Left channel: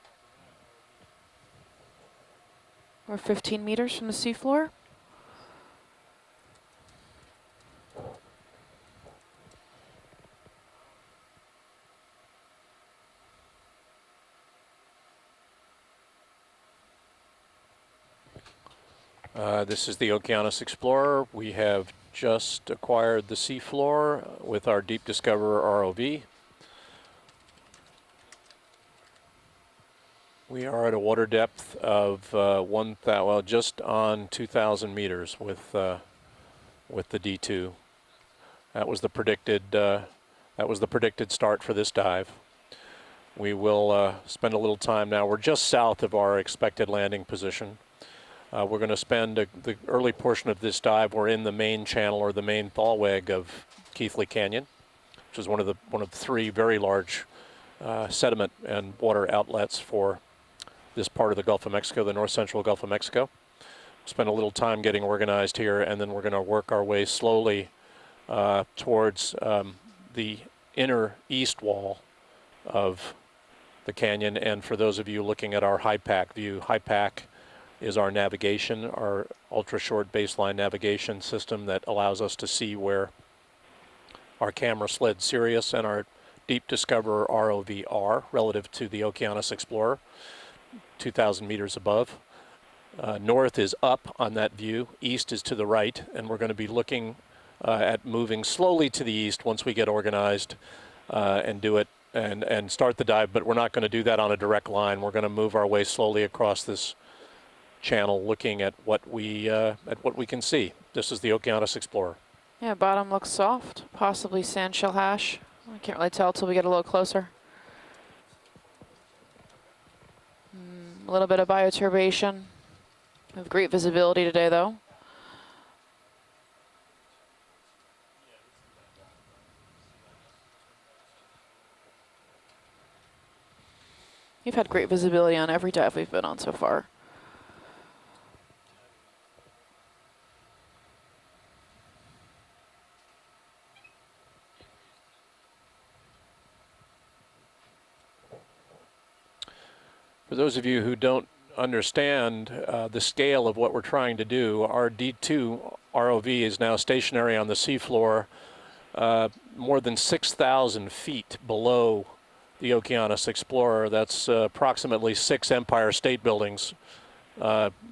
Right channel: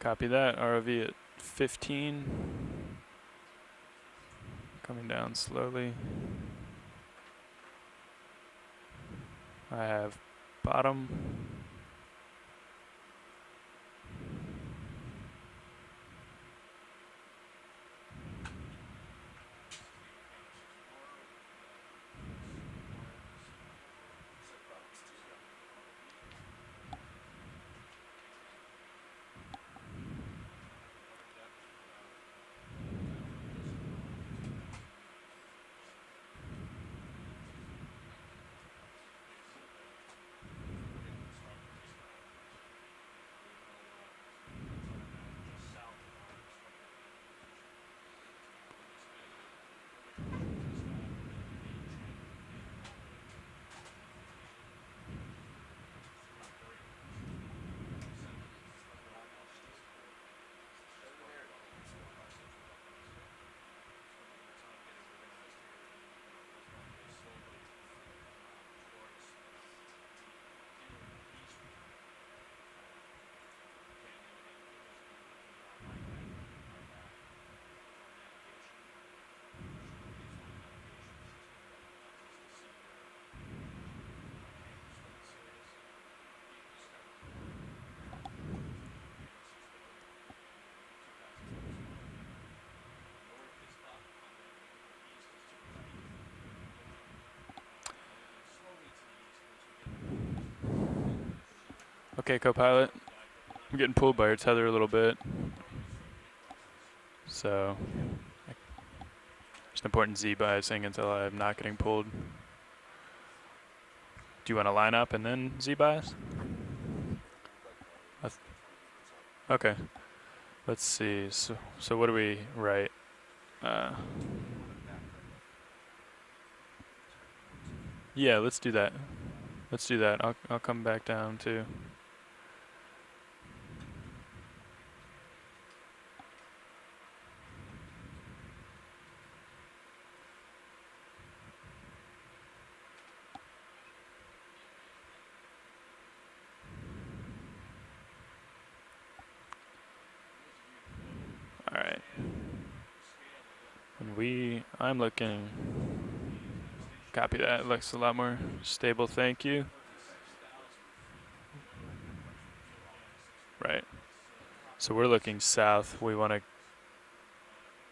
Copy that. ROV at 15. We're 15 meters from the seafloor. Coming down slowly. I have bottom. This is the Okeanos Explorer. We have just acquired the seafloor with our Deep Discoverer ROV. We are at a water depth of just on 2,000 meters with the D2. That was the predicted start for this dive. We will spend a little time now. We're just south of our expected landing position. We're going to spend the early portion of this dive. We're in the main channel or the main thalweg of Keathley Canyon, which is one of the three very large sediment and water outlets for this part of the Gulf of Mexico, the north central Gulf of Mexico. Spend a little time getting organized here, and then we're going to work our way slowly towards the inner east wall of the canyon. And for those of you looking at our HiPAC view, HiPAC is our navigation, our ultra-short baseline navigation system that allows us to see where our camera sled Sirius and our Deep Discoverer ROV are relative to the Okeanos Explorer, 2,000 meters above. North is up on that view, east is to the right, and we're going to be looking at moving slowly to the east once we get organized and do it and start the dive, but we're not going to do that on a direct line. We're going to move our way slowly across this channel, looking at what we can see. This is the Okeanos Explorer. Yeah, bottom looks soft, possibly sandshell hash. Can't really tell till we get a little closer. Okay. Let's see. A little bit of bioturbation. Right. We have great visibility today, though. Yeah, let's do that. Let's do that. I'll come back down too. You've had great visibility on every dive we've been on so far. For those of you who don't understand the scale of what we're trying to do, our D2 ROV is now stationary on the seafloor, stable, thank you. More than 6,000 feet below the Okeanos Explorer. Right. That's approximately 6 Empire State Buildings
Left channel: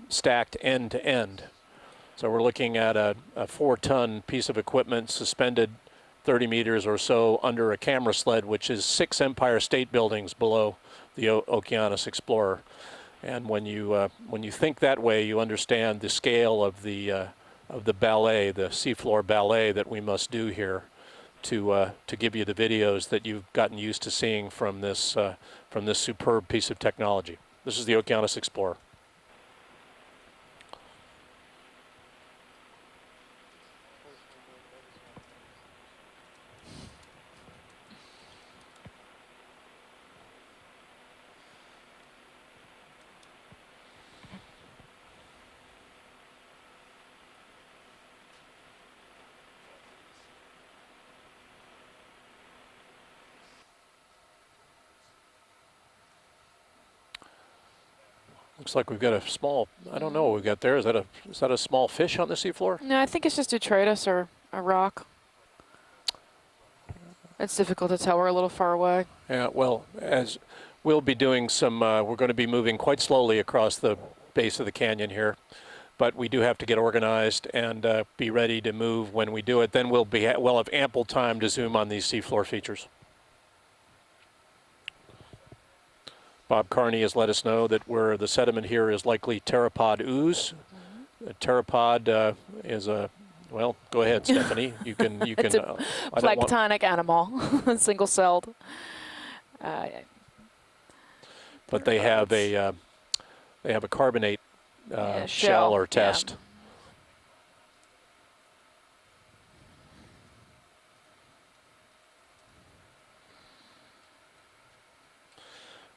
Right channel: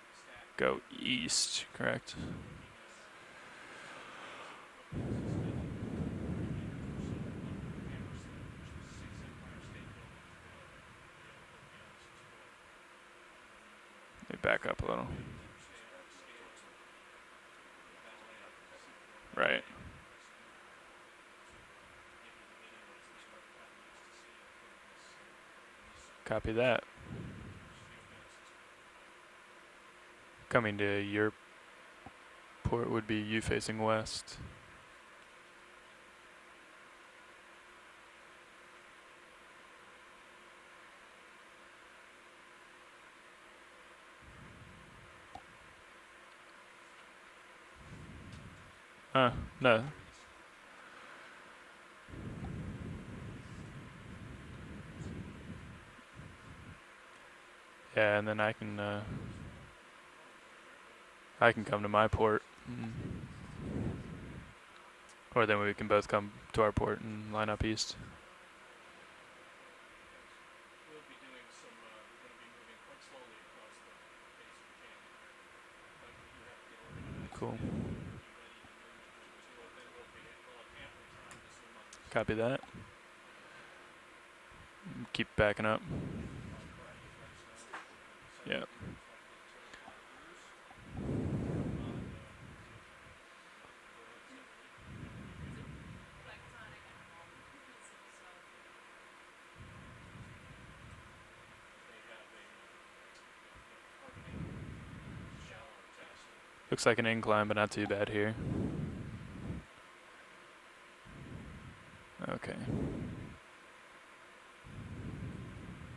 stacked end to end. Correct. So we're looking at a 4-ton piece of equipment suspended 30 meters or so under a camera sled, which is 6 Empire State Buildings below the Okeanos Explorer. And when you think that way, you understand the scale of the ballet, the seafloor ballet that we must do here to give you the videos that you've gotten used to seeing from this superb piece of technology. This is the Okeanos Explorer. Coming to your port would be you facing west. No. Yeah, and then I can. Looks like we've got a small. I don't know what we got there. Is that a small fish on the seafloor? No, I think it's just detritus or a rock. Or then we can both come to our port and line up. It's difficult to tell. We're a little far away. Yeah. Well, as we'll be doing some, we're going to be moving quite slowly across the base of the canyon here. But we do have to get organized and be ready to move when we do it. Then we'll have ample time to zoom on these seafloor features. Keep backing up. Bob Carney has let us know that the sediment here is likely pteropod ooze. And pteropod is a, well, go ahead, Stephanie. You can. It's a planktonic animal, single-celled. But they have a carbonate. Shell or test. Looks like an incline, but not too bad here. Okay.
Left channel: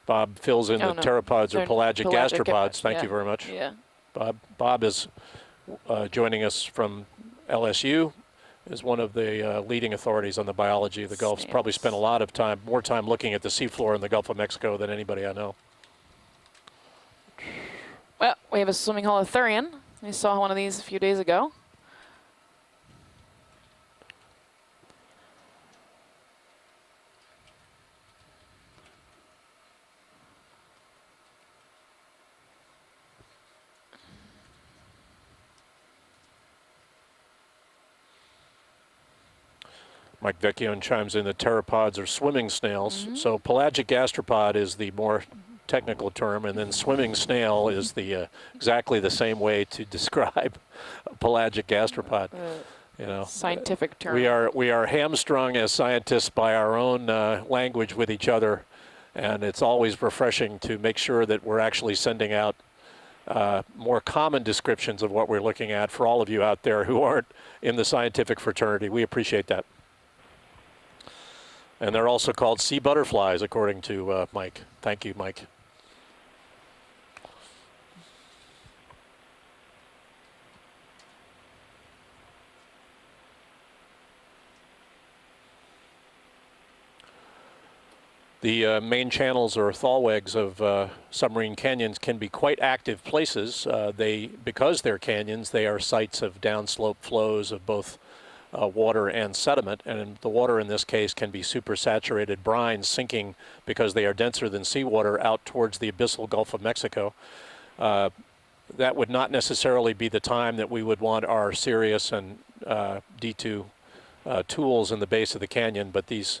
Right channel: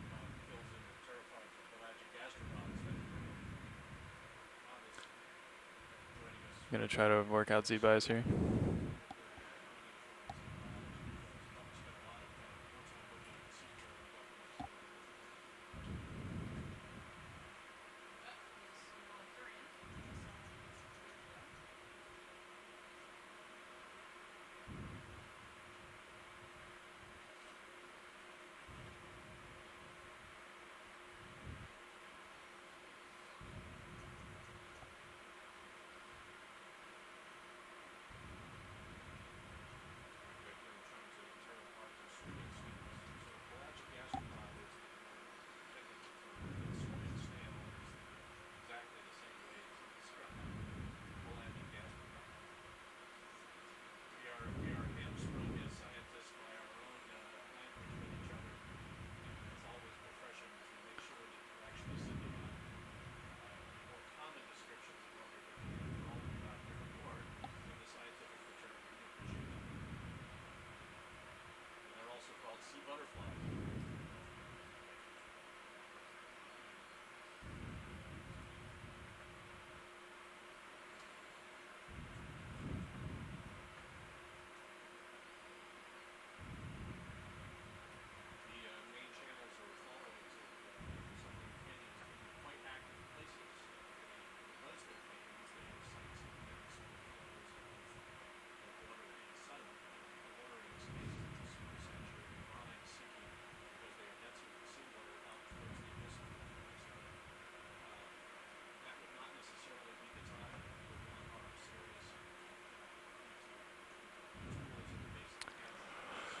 Bob fills in the pteropods or pelagic gastropods. Thank you very much. Yeah. Bob is joining us from LSU as one of the leading authorities on the biology of the Gulf. He's probably spent a lot of time, more time looking at the seafloor in the Gulf of Mexico than anybody I know. Well, we have a swimming holothurian. We saw one of these a few days ago. Mike Vecchione chimes in that pteropods are swimming snails. So pelagic gastropod is the more technical term, and then swimming snail is the exactly the same way to describe a pelagic gastropod. You know, scientific term. We are hamstrung as scientists by our own language with each other, and it's always refreshing to make sure that we're actually sending out more common descriptions of what we're looking at for all of you out there who aren't in the scientific fraternity. We appreciate that. And they're also called sea butterflies, according to Mike. Thank you, Mike. The main channels or thalwegs of submarine canyons can be quite active places. Because they're canyons, they are sites of downslope flows of both water and sediment, and the water in this case can be supersaturated brines sinking because they are denser than seawater out towards the abyssal Gulf of Mexico. That would not necessarily be the time that we would want our Sirius and D2 tools in the base of the canyon, but these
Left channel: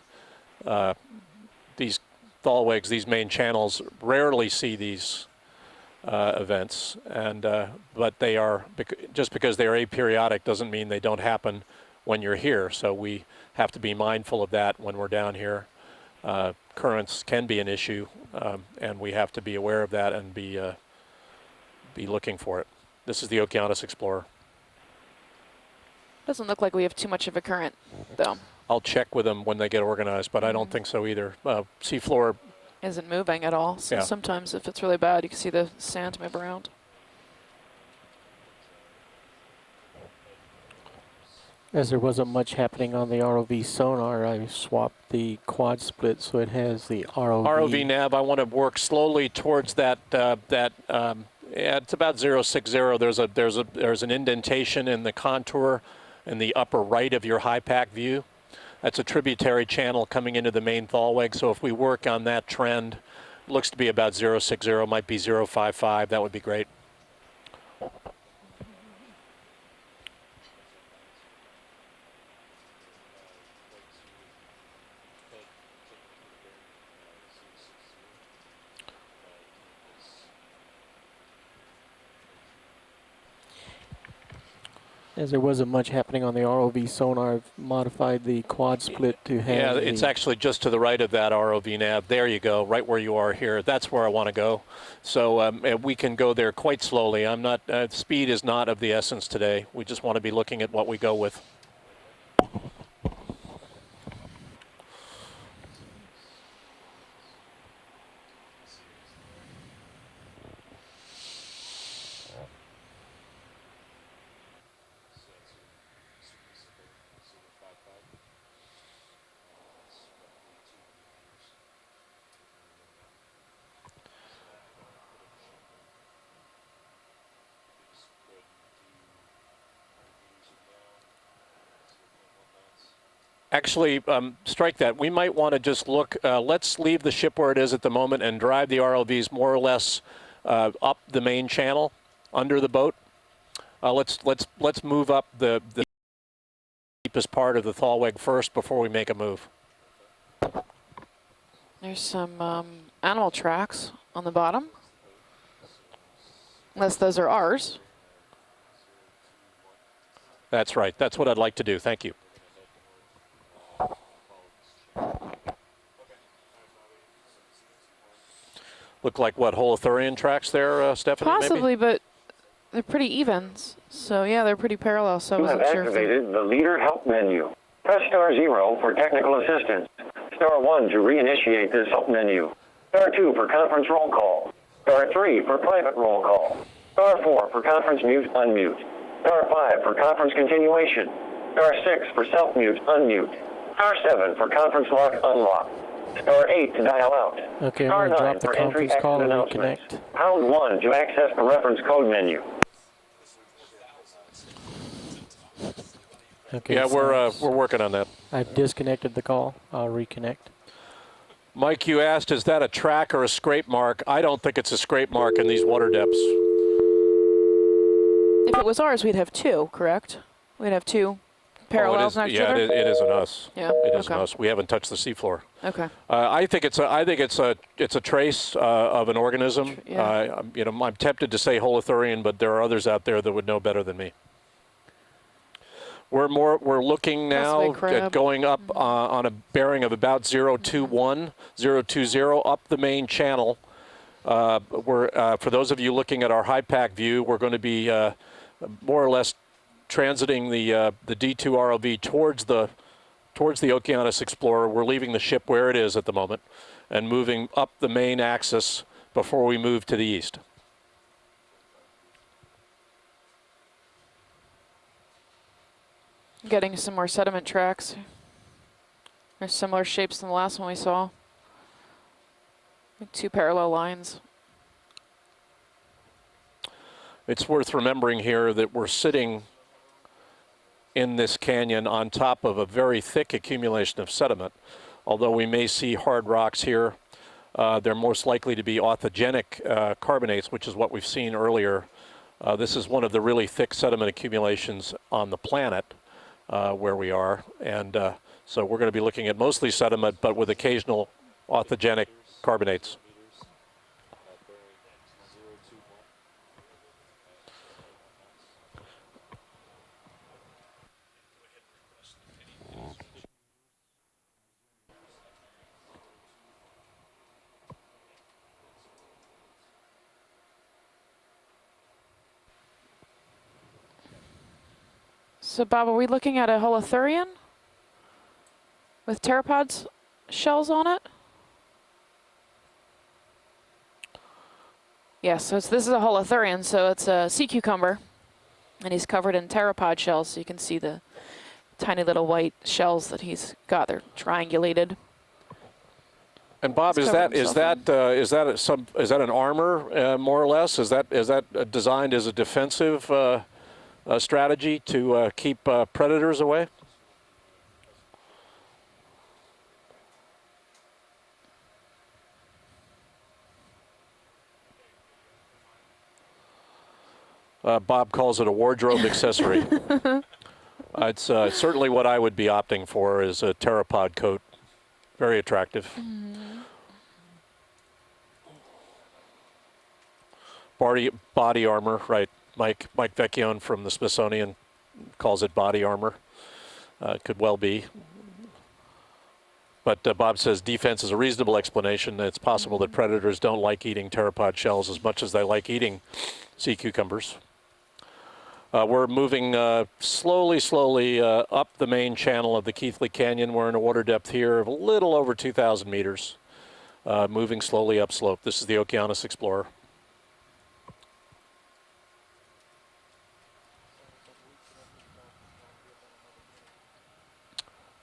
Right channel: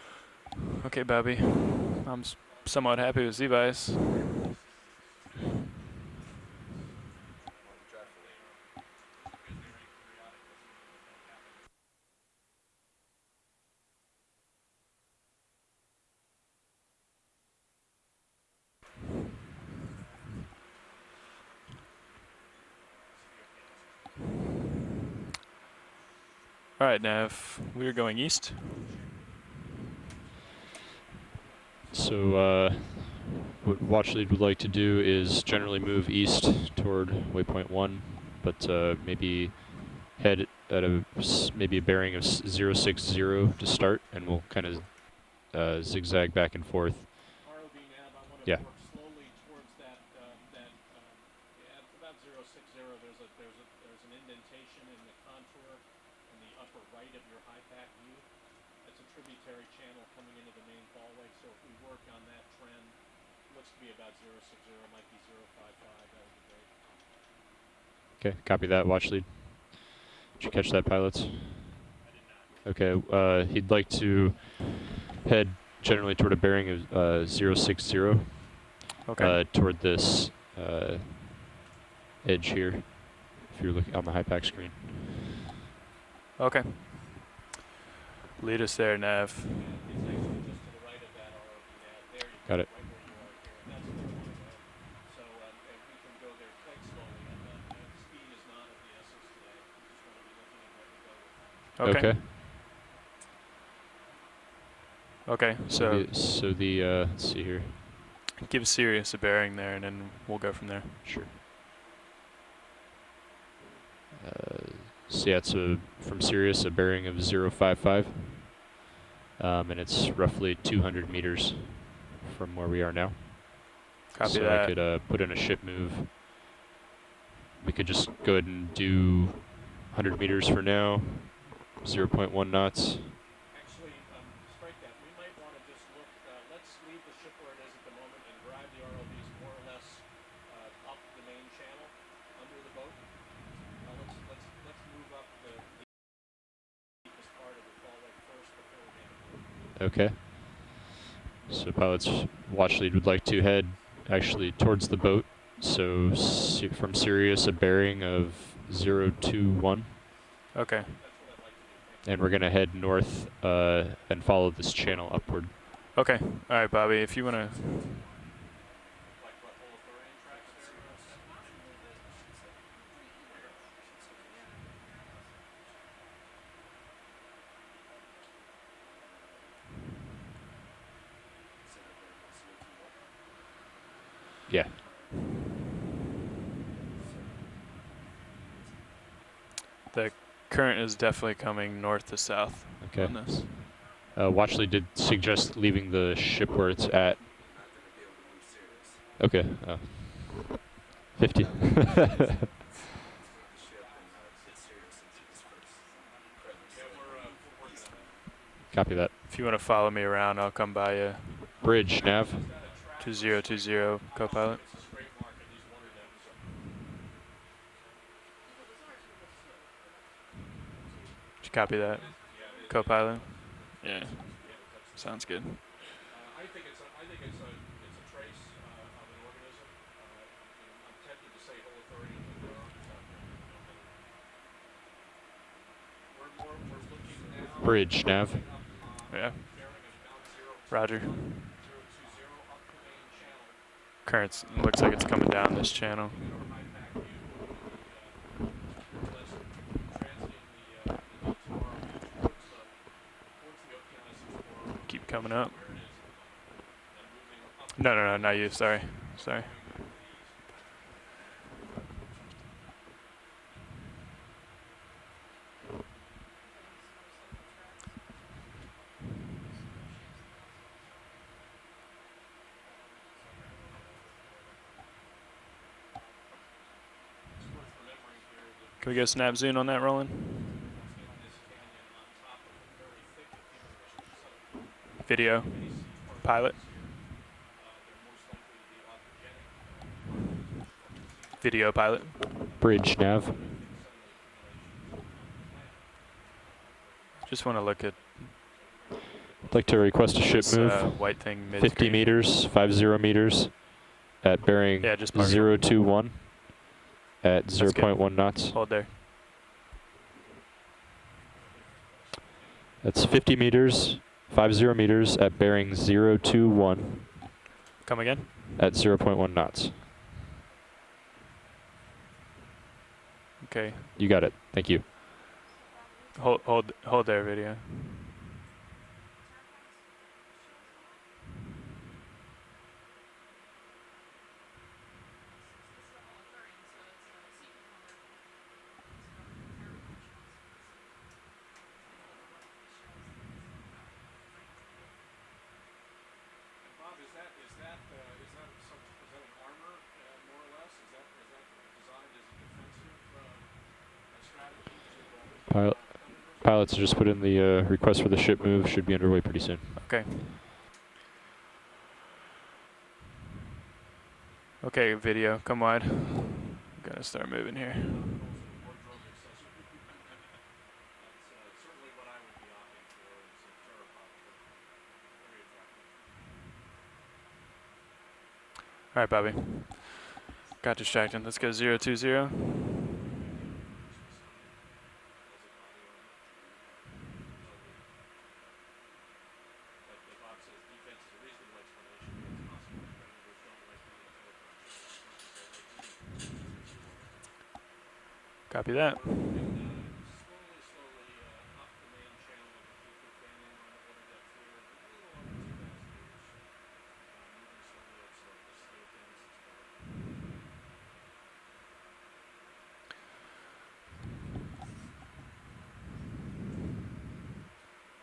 okay, Bobby. These thalwegs, these main channels, rarely see these events, and but they are, just because they are aperiodic doesn't mean they don't happen when you're here, so we have to be mindful of that when we're down here. Currents can be an issue, and we have to be aware of that and be looking for it. This is the Okeanos Explorer. Doesn't look like we have too much of a current. We're going though. east. I'll check with them when they get organized, but I don't think so either. Seafloor isn't moving at all. So what sometimes we'd like if to it's do really bad, you is see generally the move sand east around. toward waypoint 1, but maybe head at a maybe As a there bearing wasn't of much happening on the 060 ROV start, sonar, I kinda, swapped the quad zigzag split so back it and has forth. the ROV. ROV nav, I want to Yeah. work slowly towards that. Yeah, it's about 060. There's an indentation in the contour in the upper right of your high pack view. That's a tributary channel coming into the main thalweg. So if we work on that trend, looks to be about 060, might be 055. That would be great. Okay, copy that. Watch lead. Did you catch that, pilots? Okay, he'd like to head generally toward a bearing of 060. Okay. Toward this edge here, if you're looking on the high pack screen. As there wasn't much happening on the ROV sonar, I've modified the Lead us quad there, split nav. to have Yeah, it's actually just to the right of that ROV nav. There you go, Okay. right where you are here. That's where I want to go. So and we can go there quite slowly. I'm not, speed is not of the essence today. We just want to be looking at what we go with. Okay. Okay. So So the let's see here. give Sirius a bearing there, and then we'll go from there. Sure. So yeah, it's from Sirius a bearing of 055, and it's roughly 200 meters from where we are now. Copy so that. I could put in a ship move. We could just go ahead and do 100 meters for now, 0.1 knots. Actually, strike that. We might want to just look, let's leave the ship where it is at the moment and drive the ROVs more or less up the main channel under the boat. Let's move up the deepest part of the thalweg first before we make a move. Okay. So pilots, Some, watch lead would animal like to head tracks on the actually bottom. towards the boat. So from Unless those are Sirius a ours. bearing of 021. That's Okay. right. That's what I'd like to do. Thank you. And we're going to head north and follow this channel upward. Okay. All right, Bobby. If you want to. Look like what, holothurian tracks there, Stephanie? Possibly, Maybe? but they're pretty even. So yeah, they're pretty parallel. So I You have wasn't sure. activated the leader help menu. Press *0 for technical assistance. *1 to reinitiate this help menu. *2 for conference roll call. Yeah. *3 for private roll call. *4 for conference mute unmute. *5 for conference continuation. Definitely coming north *6 to for south. self mute unmute. *7 for Watch lead conference did lock suggest unlock. leaving the ship where *8 it's to dial at. out. Okay, Star I'm going to 9 drop the for entry conference call and exit I'll announcement. connect. Pound 1 to access the reference code menu. Okay, Yeah, we're so working on that. I've disconnected the If call. you want to follow I'll me around, reconnect. I'll come by you. Mike, Bridge you nav. asked, is that a track or a scrape 2020 mark? I don't think co-pilot. it's a scrape mark in these water depths. If it was ours, we'd have two, correct? We'd have two Copy. parallels No, it next is, to yeah, each other? it isn't us. Yeah, It isn't okay. us. We haven't touched the seafloor. Okay. I think it's a trace of an organism. Yeah. You know, I'm tempted to say holothurian, but there are others out there that would know better than me. We're looking now Bridge at nav. going up on a bearing of about 021, 020 up the main channel. Currents looks like it's coming down for those the of you channel. looking at our high pack view, we're going to be more or less transiting the D2 ROV towards the Okeanos Explorer. We're leaving the Coming ship up. where it is at the moment and moving up the No, main not you, axis sorry. before Sorry. we move to the east. Getting some more sediment tracks. They're similar shapes than the last one we saw. Two parallel lines. It's worth remembering here that we're Can we get a snap sitting zoom on that, Roland? in this canyon on top of a very thick accumulation of sediment. Although Video. we may see hard Pilot. rocks here, they're most likely to be orthogenic carbonates, which is what we've seen earlier. Video pilot. This is Bridge one of the nav. really thick sediment accumulations on the planet where we are. Just wanna look and at- so we're going to be looking at mostly to sediment, request a but ship with move. occasional white thing. orthogenic 50 meters, carbonates. 50 meters at bearing Yeah, just mark it. 021 at good. 0.1 knots. Hold there. That's 50 meters, 50 meters at bearing 021 Come again? at 0.1 knots. Okay. You got it. Thank you. So Bob, are we looking at a hold there, holothurian video. with pteropods shells on it? Yes, so this is a holothurian, so it's a sea cucumber, and he's covered in pteropod shells, so you can see the tiny little white shells that he's got. They're triangulated. And Bob, He's is covered that an armor more or less? Is that designed as a defensive strategy to keep predators away? Pilots just put in the request for the ship move. Should be underway pretty soon. Okay. Okay, video, come wide. Gotta start moving here. Bob calls it a wardrobe accessory. It's certainly what I would be opting for is a pteropod coat. Very attractive. All right, Bobby. Got Body, distracted. Let's go body armor, 020. right? Mike Vecchione from the Smithsonian calls it body armor. Could well be. But Bob says defense is a reasonable explanation. It's possible that predators don't like eating pteropod shells as much as they like eating sea cucumbers. Copy that. We're moving slowly up the main channel of the Keathley Canyon. We're in a water depth here of a little over 2,000 meters, moving slowly upslope. This is the Okeanos Explorer.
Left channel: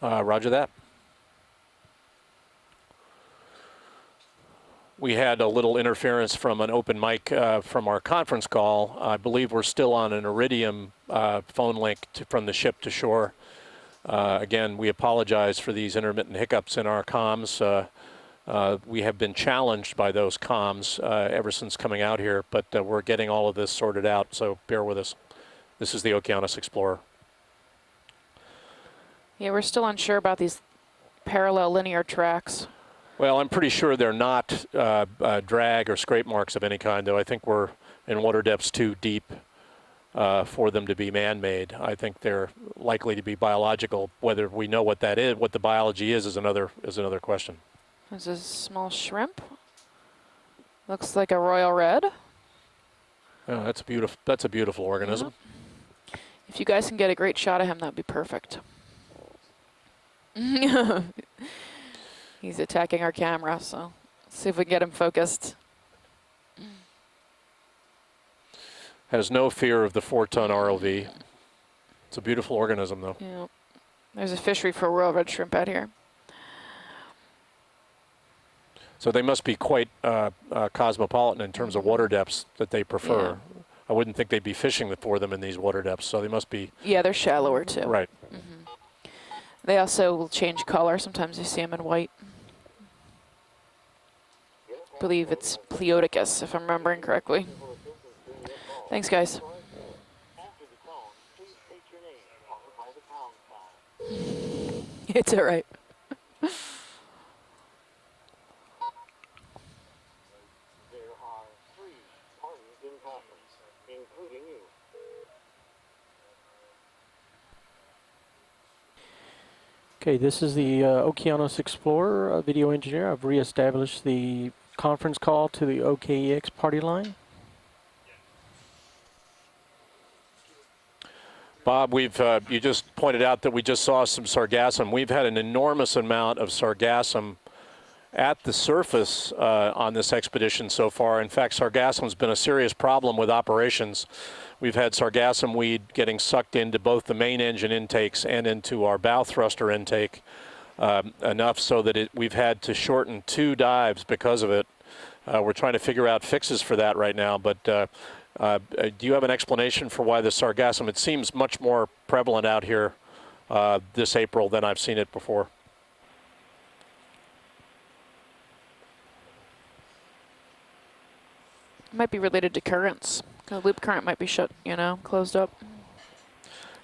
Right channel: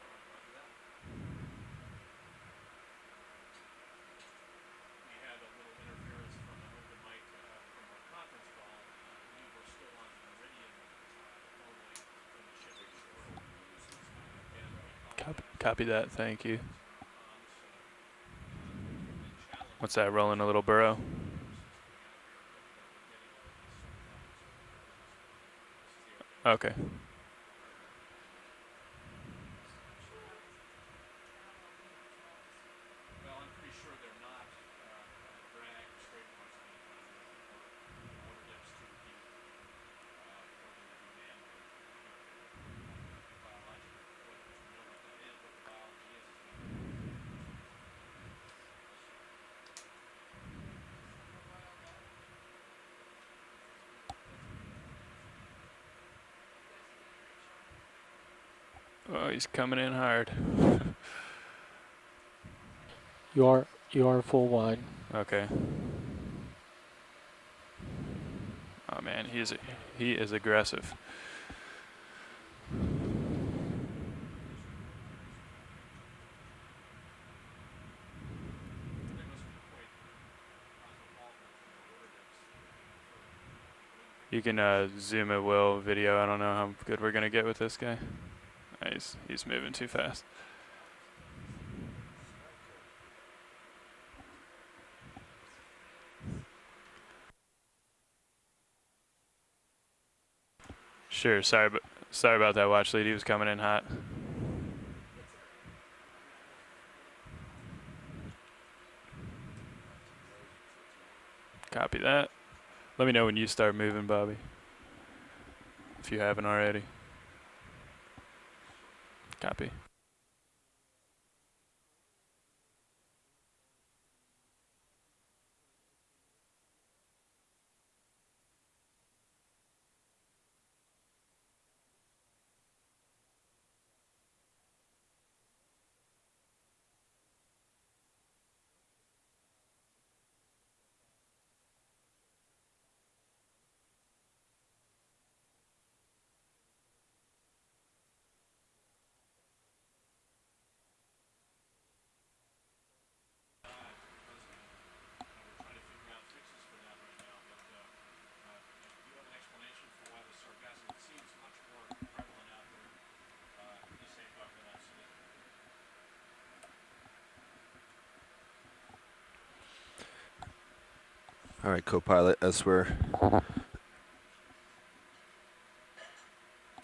Roger that. We had a little interference from an open mic from our conference call. I believe we're still on an Iridium phone link from the ship to shore. Again, we apologize for Copy these that, intermittent thank you. hiccups in our comms. We have been challenged What's that, by those rolling a little comms ever since coming out here, but we're getting all of this sorted out, so bear with us. This is the Okeanos Okay. Explorer. Yeah, we're still unsure about these parallel linear tracks. Well, I'm pretty sure they're not drag or scrape marks of any kind, though. I think we're in water depths too deep for them to be man-made. I think they're likely to be biological. Whether we know what that is, what the biology is another question. There's a small shrimp. Looks like a royal red. Oh, that's a beautiful organism. If you guys can get a great shot of him, that'd be perfect. Oh, he's coming in hard. He's attacking our camera, so You are full see if we wide. get him focused. Okay. Oh, man, Has no he is- fear of the he is 4-ton aggressive. ROV. It's a beautiful organism, though. Yeah. There's a fishery for royal red shrimp out here. So they must be quite cosmopolitan in terms of water depths that they prefer. Yeah. I wouldn't think they'd be fishing for them in these water depths, so they must be. Yeah, they're shallower too. Right. He's moving They too also fast. will change color. Sometimes you see them in white. I believe it's Pleodicus, if I'm remembering correctly. Thanks, guys. Sure, sorry about that watch lead. He was coming in hot. It's all right. Copy that. Let me know when you start moving, Bobby, if you haven't already. Copy. Okay, this is the Okeanos Explorer video engineer. I've reestablished the conference call to the OKEX party line. Bob, you just pointed out that we just saw some sargassum. We've had an enormous amount of sargassum at the surface on this expedition so far. In fact, sargassam's been a serious problem with operations. We've had sargassum weed getting sucked into both the main engine intakes and into our bow thruster intake, enough so that we've had to shorten 2 dives because of it. We're trying to figure out fixes for that right now, but do you have an explanation for why the sargassum, it seems much more prevalent out here this April than I've seen it before? All right, Might be co-pilot, related to elsewhere. currents. The loop current might be shut, closed up.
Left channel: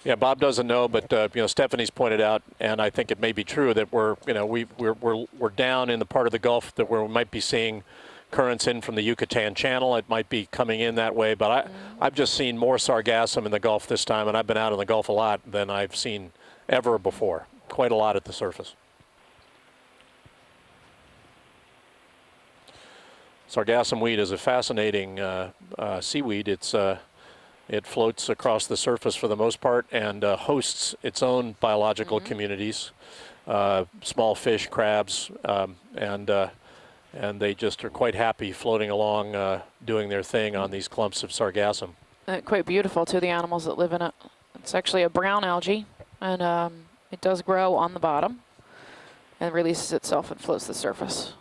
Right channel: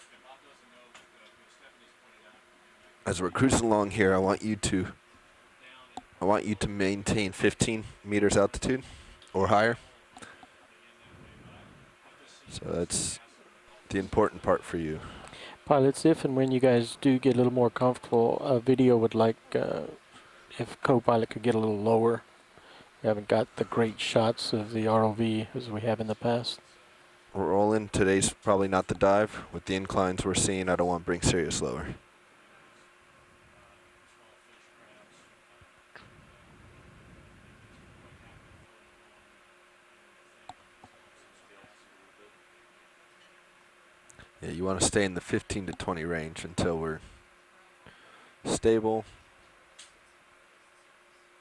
Yeah, Bob doesn't know, but Stephanie's pointed out, and I think As it may we're be cruising true along that here, I want we're down in the part of the Gulf that where we might be seeing currents in from the Yucatan Channel. It might be coming in that way, but I've just seen more sargassum in the Gulf this time, and I've been out in the Gulf a lot than I've seen If and when you guys ever do before. get a little more Quite a lot at the comfortable, surface. video would like if co-pilot could get a little lower. We haven't got the great Sargassum weed is a shots of the fascinating ROV as we have in the seaweed. past. It's We're all in it floats today's across probably the not surface for dive, the most with the part inclines and we're seeing, I hosts don't want to bring its own serious lower. biological communities, small fish, crabs, and they just are quite happy floating along, doing their thing on these clumps of sargassum. Quite beautiful too, the animals that live in it. Yeah, you It's want to actually stay a in the brown 15 algae, to 20 range and, until we're It does grow on the bottom stable. and releases itself and floats to the surface.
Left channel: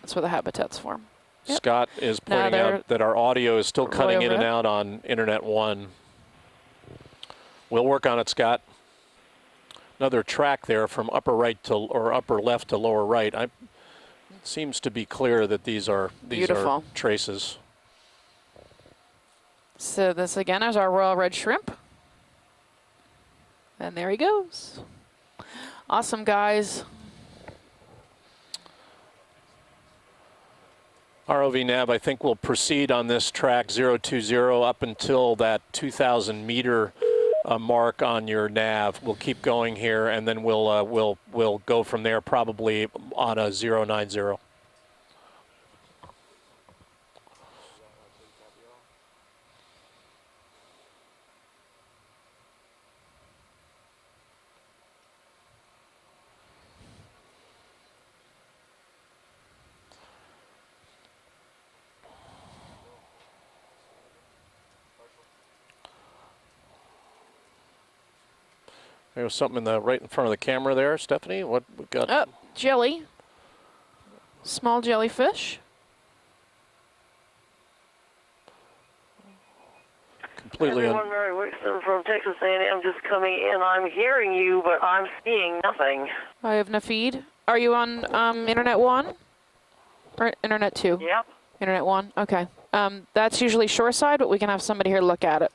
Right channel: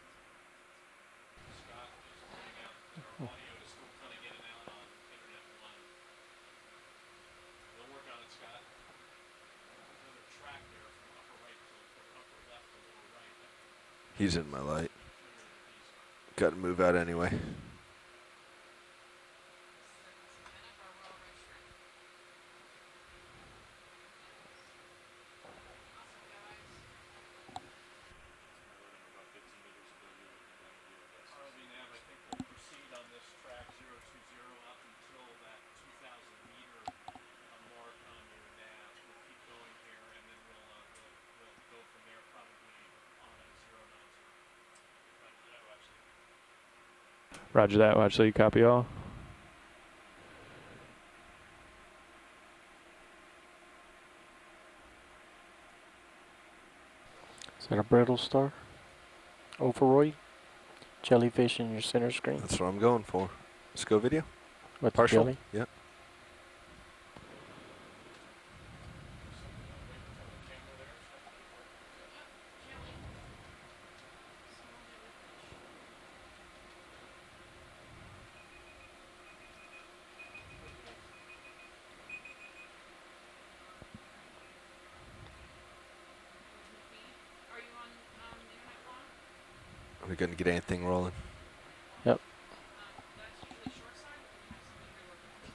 That's where the habitat's form. Yep. Scott is No, pointing they're out that our audio is still cutting in and over. out on Internet 1. We'll work on it, Scott. Another track there from upper right to or upper left to lower right. He's in Seems my to be clear that these are Beautiful. traces. So this again is our royal red shrimp. And there he goes. Awesome, guys. ROV Nav, I think we'll proceed on this track 020 up until that 2,000 meter mark on your nav. We'll keep going here, and then we'll go from there probably on a 090. Roger that. Watch lead. Copy all. Is that a brittle star? Overroy? Jellyfish in your center screen. That's what I'm going for. Let's go video. With the Partial? jelly? Yep. There was something right in front of the camera there, Stephanie. What we got? Oh, jelly. Small jellyfish. Completely. Everyone, Mary Wixom from Texas A&M just coming in. I'm hearing you, but I'm seeing nothing. I have no feed. Are you on Internet 1? We Or couldn't get Internet anything 2? lower. Yep. Internet 1? Yep. Okay. That's usually shoreside, but we can have somebody here look at it.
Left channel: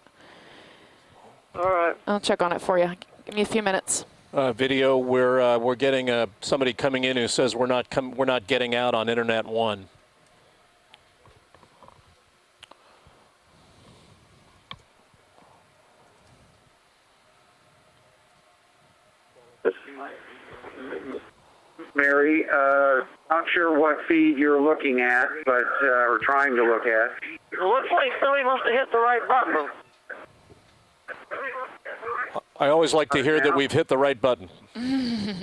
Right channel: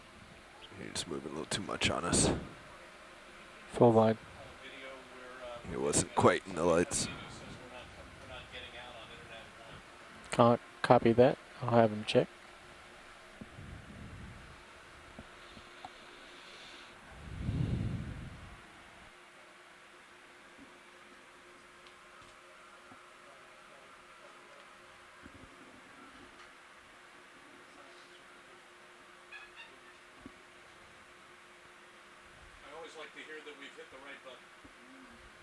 You're just moving a little too All much right. on I'll us. check on it for you. Give me a few minutes. Full wide. Video. We're getting wasn't quite somebody the coming lights. in who says we're not getting out on Internet 1. Can't copy that. I'll have them check. Mary, not sure what feed you're looking at, but or trying to look at. It looks like somebody must have hit the right button. I always like to hear that we've hit the right button. I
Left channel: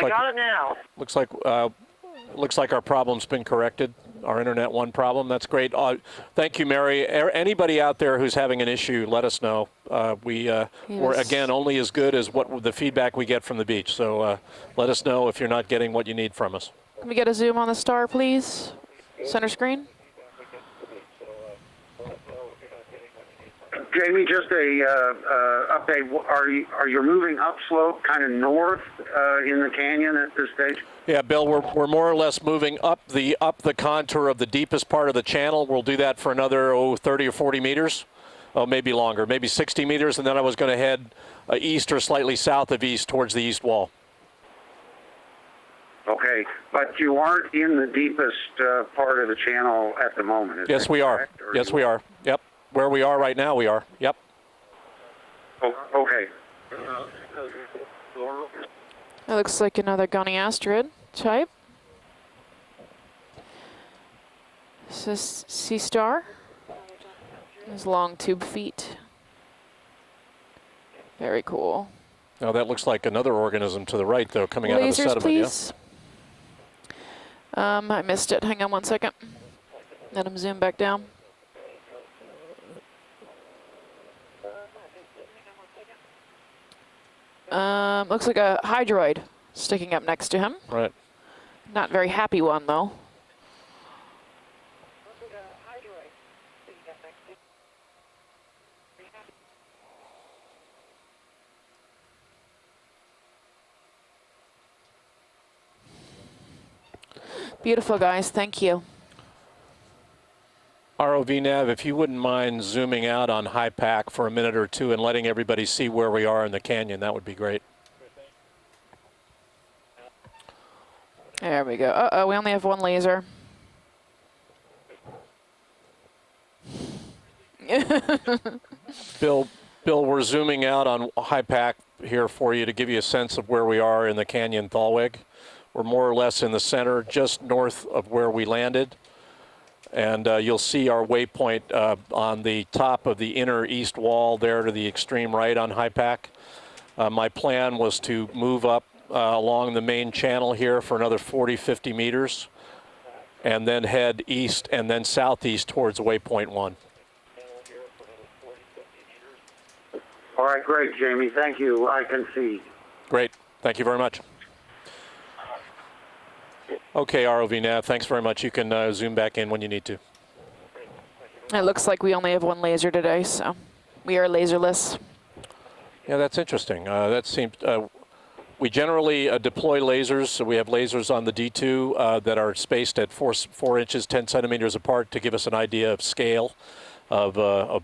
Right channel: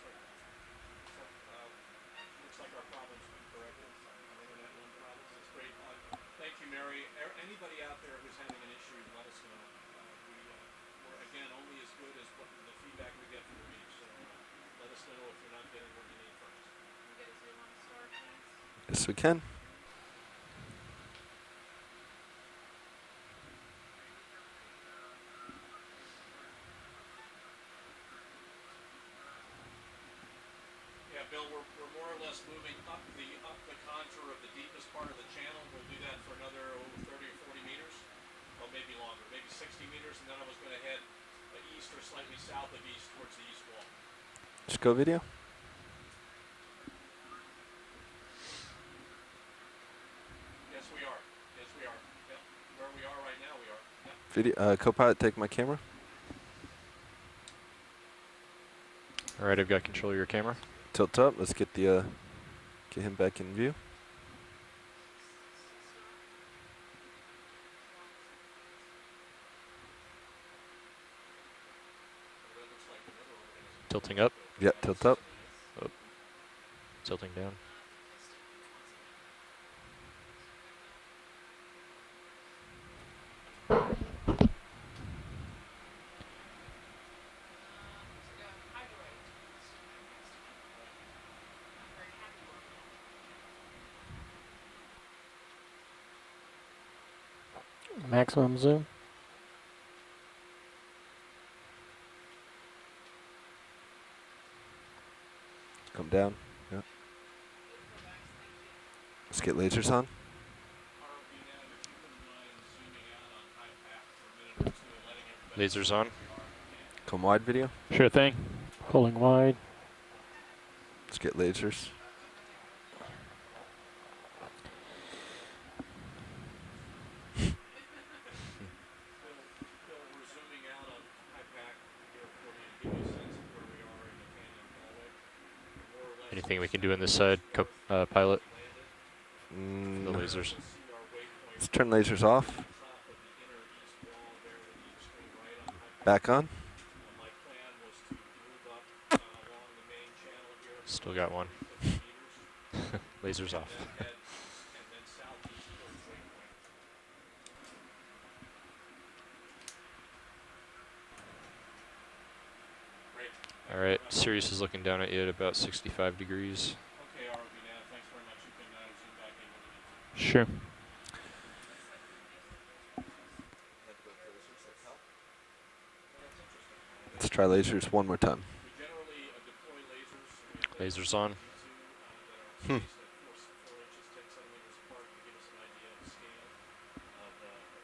got it now. Looks like our problem's been corrected. Our Internet 1 problem. That's great. Thank you, Mary. Anybody out there who's having an issue, let us know. We're was- again only as good as what the feedback we get from the beach. So let us know if you're not getting what you need from us. Can we get a zoom on the star, please? Yes, we can. Center screen. Jamie, just a update. Are you moving upslope, kind of north in the canyon at this stage? Yeah, Bill, we're more or less moving up the contour of the deepest part of the channel. We'll do that for another 30 or 40 meters. Oh, maybe longer, maybe 60 meters, and then I was going to head east or slightly south of east towards the east wall. Sco video. Okay, but you aren't in the deepest part of the channel at the moment. Is Yes, that we are. correct? Or Yes, you- we are. Yep. Where we are right now, we are. Yep. Video. Co-pilot, take my camera. Oh, okay. That looks Right, like I've got another control of your Gunny camera. Asteroid Tilt up. type. Let's get him back in view. This is Sea Star. His long tube feet. Very cool. Now that looks like another organism to the right, Yep. though, coming out of the Lasers, sediment. please. Tilting down. I missed it. Hang on 1 second. Let him zoom back down. Looks like a hydroid sticking up next to him. Yeah. Right. Not very happy one, though. Maximum zoom. Come down. Yeah. Beautiful, guys. Thank you. Let's get lasers on. ROV Nav, if you wouldn't mind zooming out on high pack for a minute or two and letting everybody Lasers see on. where we are in the canyon, that would be Wide great. video. Sure thing. Pulling wide. Let's get lasers. There we go. Uh-oh, we only have one laser. Bill, we're zooming out on high pack here for you to give you a sense of where we are in the canyon Thalweg. We're more or less in the Anything we can do center, on this just side, north of where pilot? we landed. And lasers. you'll see our waypoint Turn lasers on off. the top of the inner east wall there to the extreme right on high pack. Back on. My plan was to move up along the main channel here for another got 40, 50 meters, Lasers. and then head east and then southeast towards waypoint 1. All right, great, Jamie. Thank you. I can see. Great. Thank you very much. Sirius is looking down at you at about 65 degrees. Okay, ROV Nav, thanks very much. You can zoom back in when you need to. Sure. It looks like we only have one laser today, so we are laserless. Yeah, that's interesting. That Let's try seems, lasers one more time. we generally deploy lasers, so we have lasers on the D2 that are spaced at 4 inches, 10 centimeters apart to give us an idea of scale of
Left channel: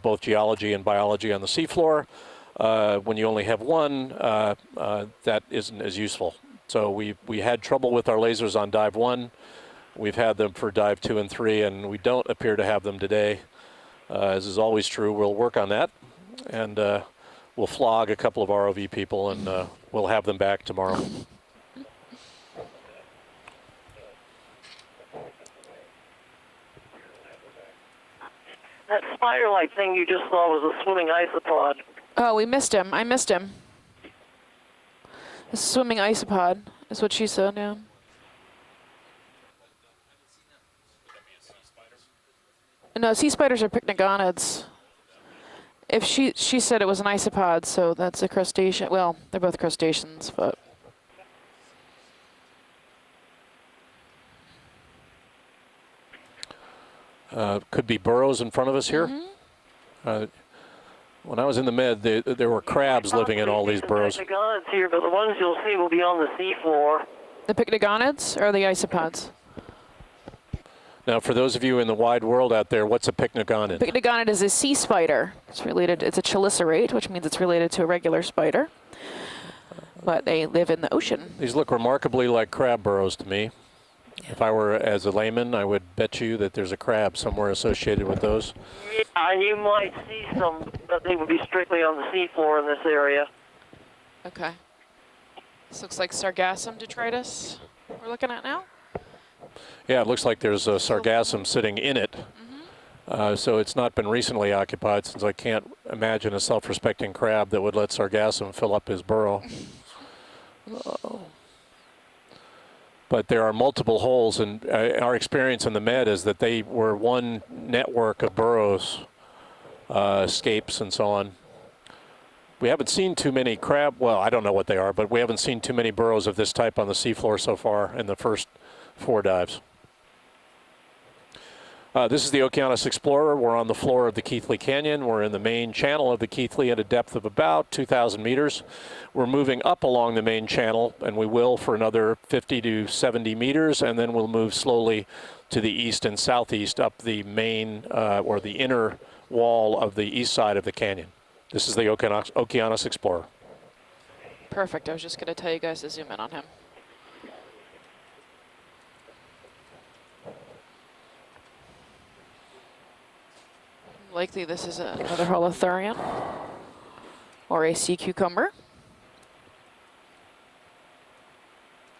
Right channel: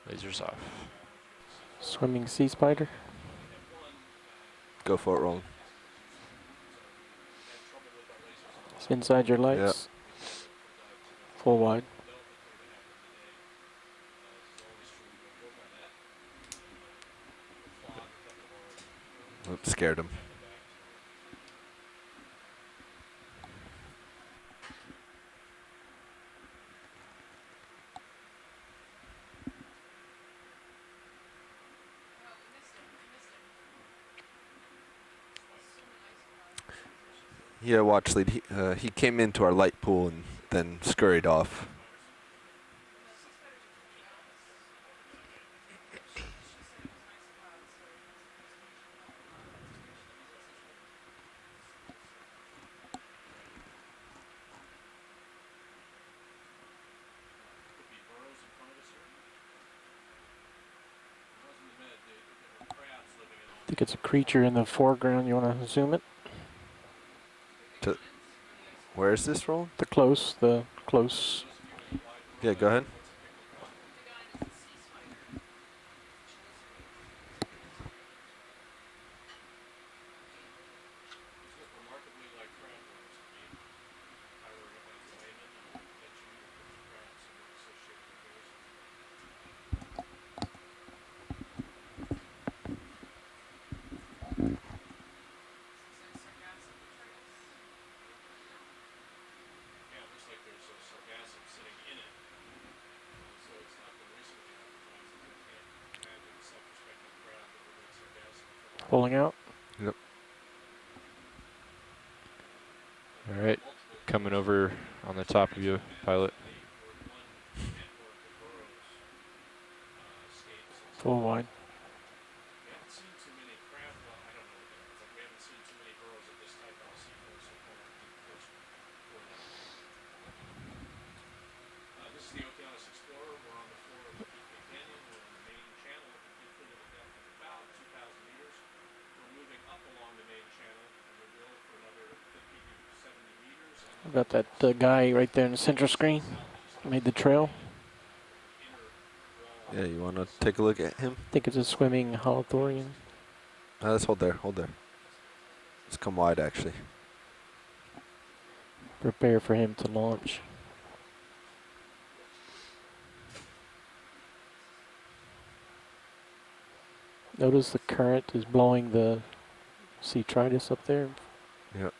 both geology and biology on the seafloor. Swimming sea spider. When you only have one, for it, that isn't as useful. So we had trouble with our lasers on dive Inside 1. your lights. We've had them for dive 2 and 3, Full and line. we don't appear to have them today. As is always true, we'll work on that, and we'll flog a couple of ROV people, and Scared we'll them. have them back tomorrow. That spider-like thing you just saw was a swimming isopod. Oh, we missed him. I missed him. A swimming isopod is what she said. Yeah. Yeah, watch lead. He came into our light pool and then scurried off. No, sea spiders are pycnogonids. If she said it was an isopod, so that's a crustacean. Well, they're both crustaceans, but Could be burrows in front of us here. When I was in the med, there were crabs living in all these burrows. Creature in the Here, but the ones foreground, you'll see will be on the seafloor. the pycnogonids or the Where is isopods? this roll? The close. Now, for those of you in the wide world Yeah, out go there, ahead. what's a pycnogonid? Pycnogonid is a sea spider. It's related. It's a chelicerate, which means it's related to a regular spider. But they live in the ocean. These look remarkably like crab burrows to me. If I were as a layman, I would bet you that there's a crab somewhere associated with those. Yeah, and you might see some, but they would be strictly on the seafloor in this area. Okay. This looks like sargassum detritus we're looking at now. Yeah, it looks like there's a sargassum sitting in it. So it's not been recently occupied, since I can't imagine a self-respecting crab that would let sargassum fill up his Pulling burrow. But there are Right. multiple Coming holes, and over our on experience top in of the the med is pilot. that they were one network of burrows, escapes, and so Full on. line. we haven't seen too many crab. Well, I don't know what they are, but we haven't seen too many burrows of this type on the seafloor so far in the first 4 dives. This is the Okeanos Explorer. We're on the floor of the Keathley Canyon. We're in the main channel of the Keathley at a depth of about 2,000 meters. We're moving up along the main channel, and we will for another 50 to 70 meters, and then we'll move slowly right there in to the center east screen. and southeast up the main or the inner wall of the east side of the canyon. This is the Okeanos Explorer. Let's hold there. Perfect. I was just going to tell you guys to zoom Come in on wide, him. actually. Prepare for him to launch. Likely this is another holothurian. Notice Or a the sea current is cucumber. blowing the sea tritus up there. Yep.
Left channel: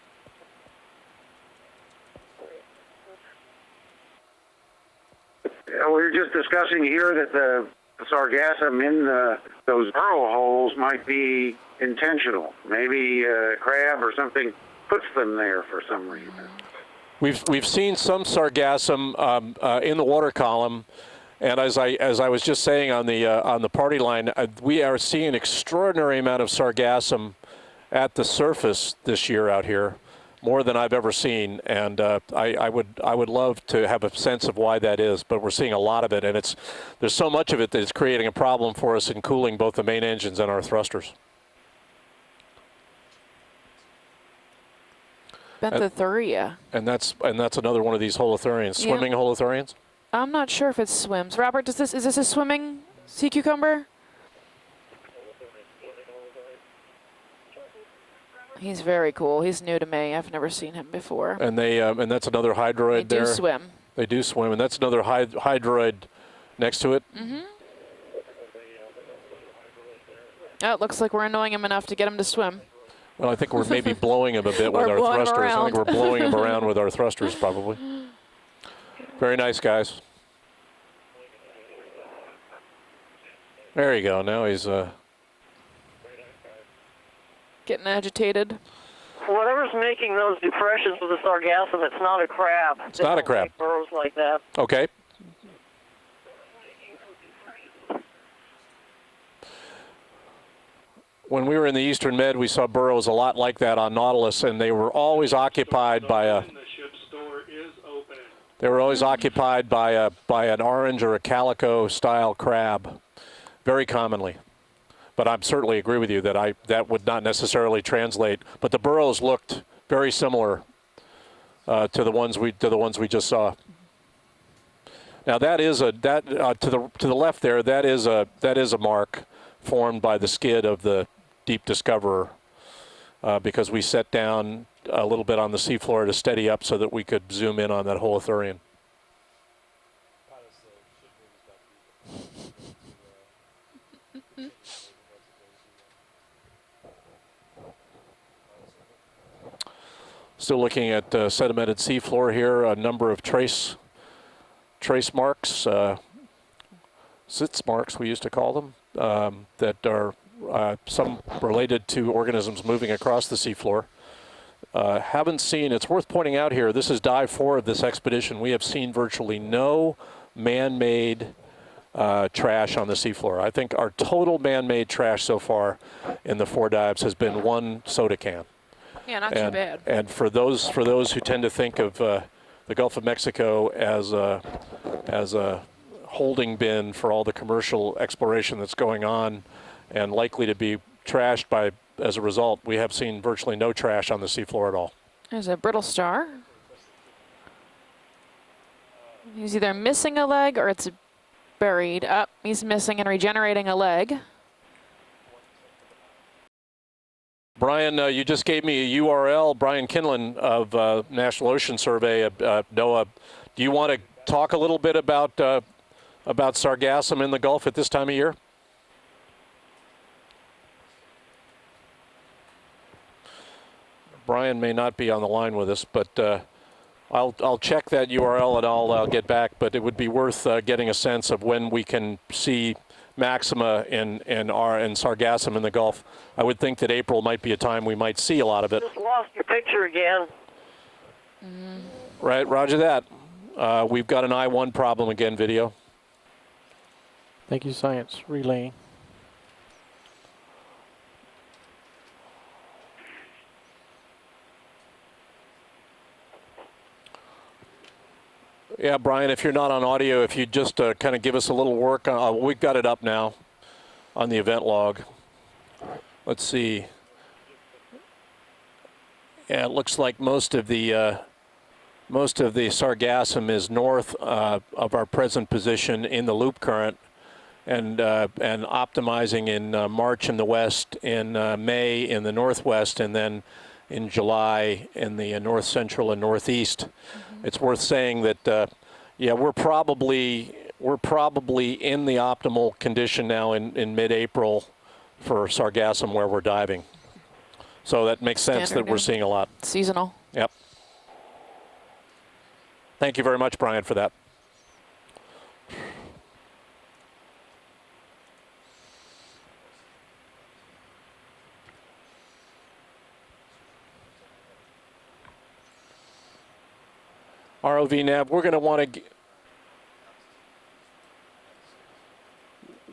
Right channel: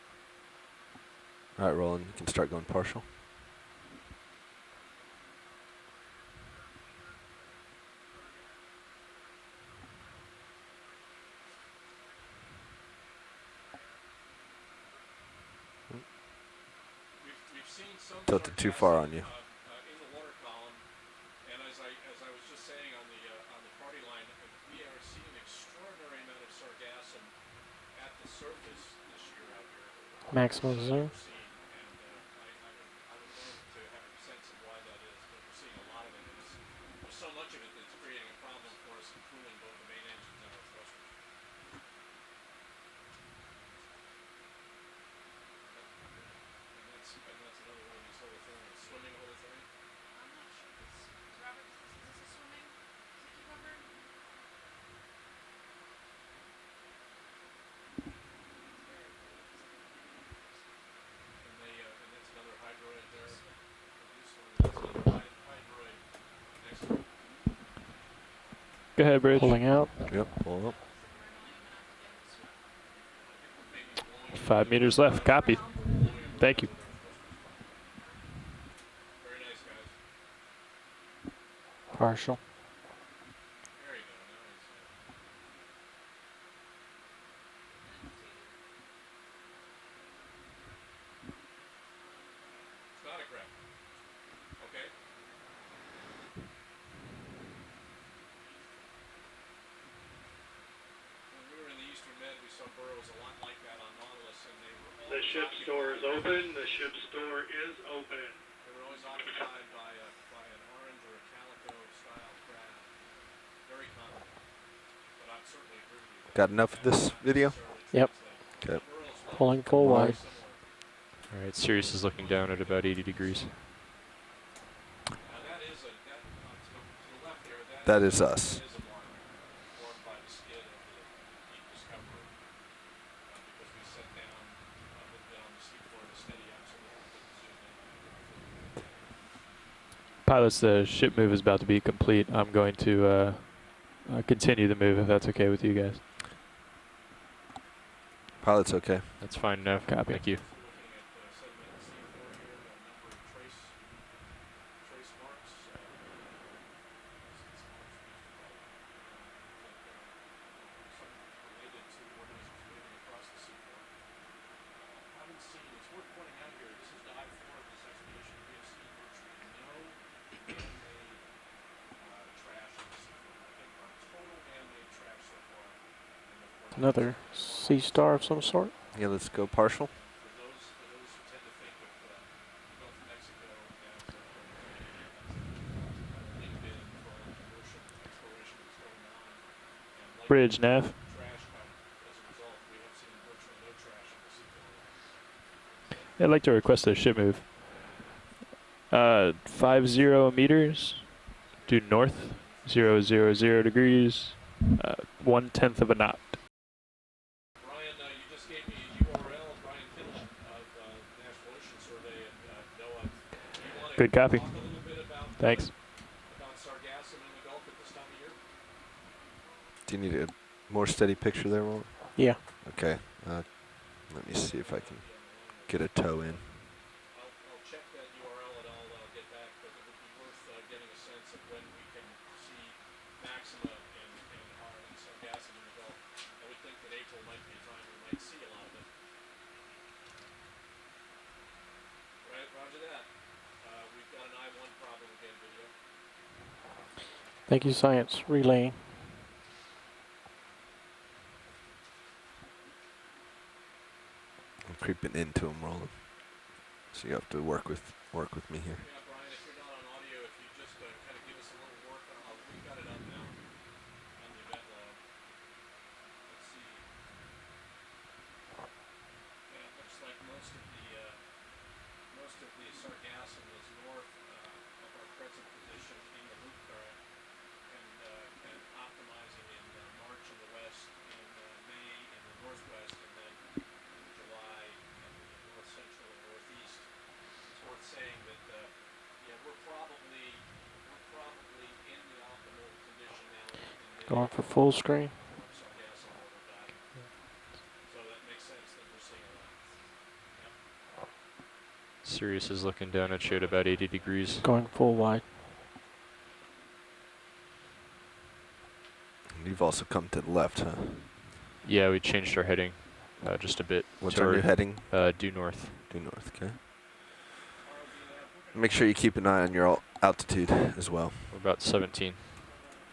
All right, Roland, you can start going partial. We were just discussing here that the sargassum in those burrow holes might be intentional. Maybe a crab or something puts them there for some reason. We've seen some sargassum in the water column. And as I was just saying on the party line, we are seeing an extraordinary amount of sargassum at the surface this year out here, more than I've ever seen. And I would love to have a sense of why that is, but we're seeing a lot of it, and there's so much of it that it's creating a problem for us in cooling both the main engines and our thrusters. Benthotheria. And that's another one of these holothurians, swimming holothurians. I'm not sure if it swims. Robert, is this a swimming sea cucumber? He's very cool. He's new to me. I've never seen him before. And and that's another hydroid there. They do swim. They do swim, and that's another hydroid next to it. Mm-hmm. Go ahead, Bridge. Pulling out. Yep. Oh, it looks like we're annoying him enough to get him to swim. Well, I think we're maybe blowing him a bit We're with our blowing thrusters. around. I think we're blowing him around with our thrusters, probably. Very nice, guys. Partial. There you go. Now he's Getting agitated. Whatever's making those depressions with the sargassum, it's not a crab. It's not a crab. Make burrows like that. okay. When we were in the Eastern Med, we saw burrows a lot like that on Nautilus, and they were always occupied by a. They were always occupied by an orange or a calico style crab, very commonly. But I certainly agree with you that that would not necessarily translate. Yep. But the burrows looked very similar to the ones we just saw. Now that is to the left there. That is a mark formed by the skid of the Deep Discoverer because we set down a little bit on the seafloor to steady up so that we could zoom in on that holothurian. Pilots, the ship move is about to be complete. I'm going to continue the move if that's okay with you guys. Pilot's okay. That's fine. No, copy. Thank you. Still looking at sedimented seafloor here. A number of trace marks, sitz marks we used to call them, that are some related to organisms moving across the seafloor. Haven't seen, it's worth pointing out here, this is dive 4 of this expedition. We have seen virtually no man-made trash on the seafloor. I think our total man-made trash so far in the 4 dives has been one soda can. Yeah, not too bad. And for those who tend to think of the Gulf of Mexico as a holding bin for all the commercial exploration that's going on and likely to be trashed as a result, we have seen virtually no trash on the seafloor at all. There's a brittle star. I'd like to request a ship move. He's either missing a leg or it's buried up. He's missing and regenerating a leg. 1/10 of a knot. Brian, you just gave me a URL. Brian Kinlan of National Ocean Survey, NOAA. Do you want to talk a little bit about sargassum in the Gulf at this time of year? Do you need a more steady picture there, Walt? Yeah. Okay. Brian may not be on the line with us, but I'll check that URL and I'll get back. But it would be worth getting a sense of when we can see maxima and sargassum in the Gulf. I would think that April might be a time we might see a lot of it. Just lost your picture again. Right, roger that. We've got an I-1 problem again, video. Thank you, science. Relaying. creeping into them, Roland. So you have to work with me here. Yeah, Brian, if you're not on audio, if you just kind of give us a little work. We've got it up now on the event log. Let's see. Yeah, it looks like most of the sargassum is north of our present position in the loop current, and optimizing in March in the west, in May in the northwest, and then in July in the north central and northeast. It's worth saying that yeah, we're probably in the optimal condition now in mid-April Full screen. for sargassum where we're diving. So that makes sense Standard that we're now. seeing a lot. Seasonal. Yep. Sirius is looking down. Thank you at very shade much, about Brian, 80 for that. degrees. Going full wide. You've also come to the left, huh? Yeah, we changed our heading just a bit. What's to our new heading? Due north. Due north, okay. ROV nav, we're going to Make want sure you to keep an eye on your altitude as well. We're about 17.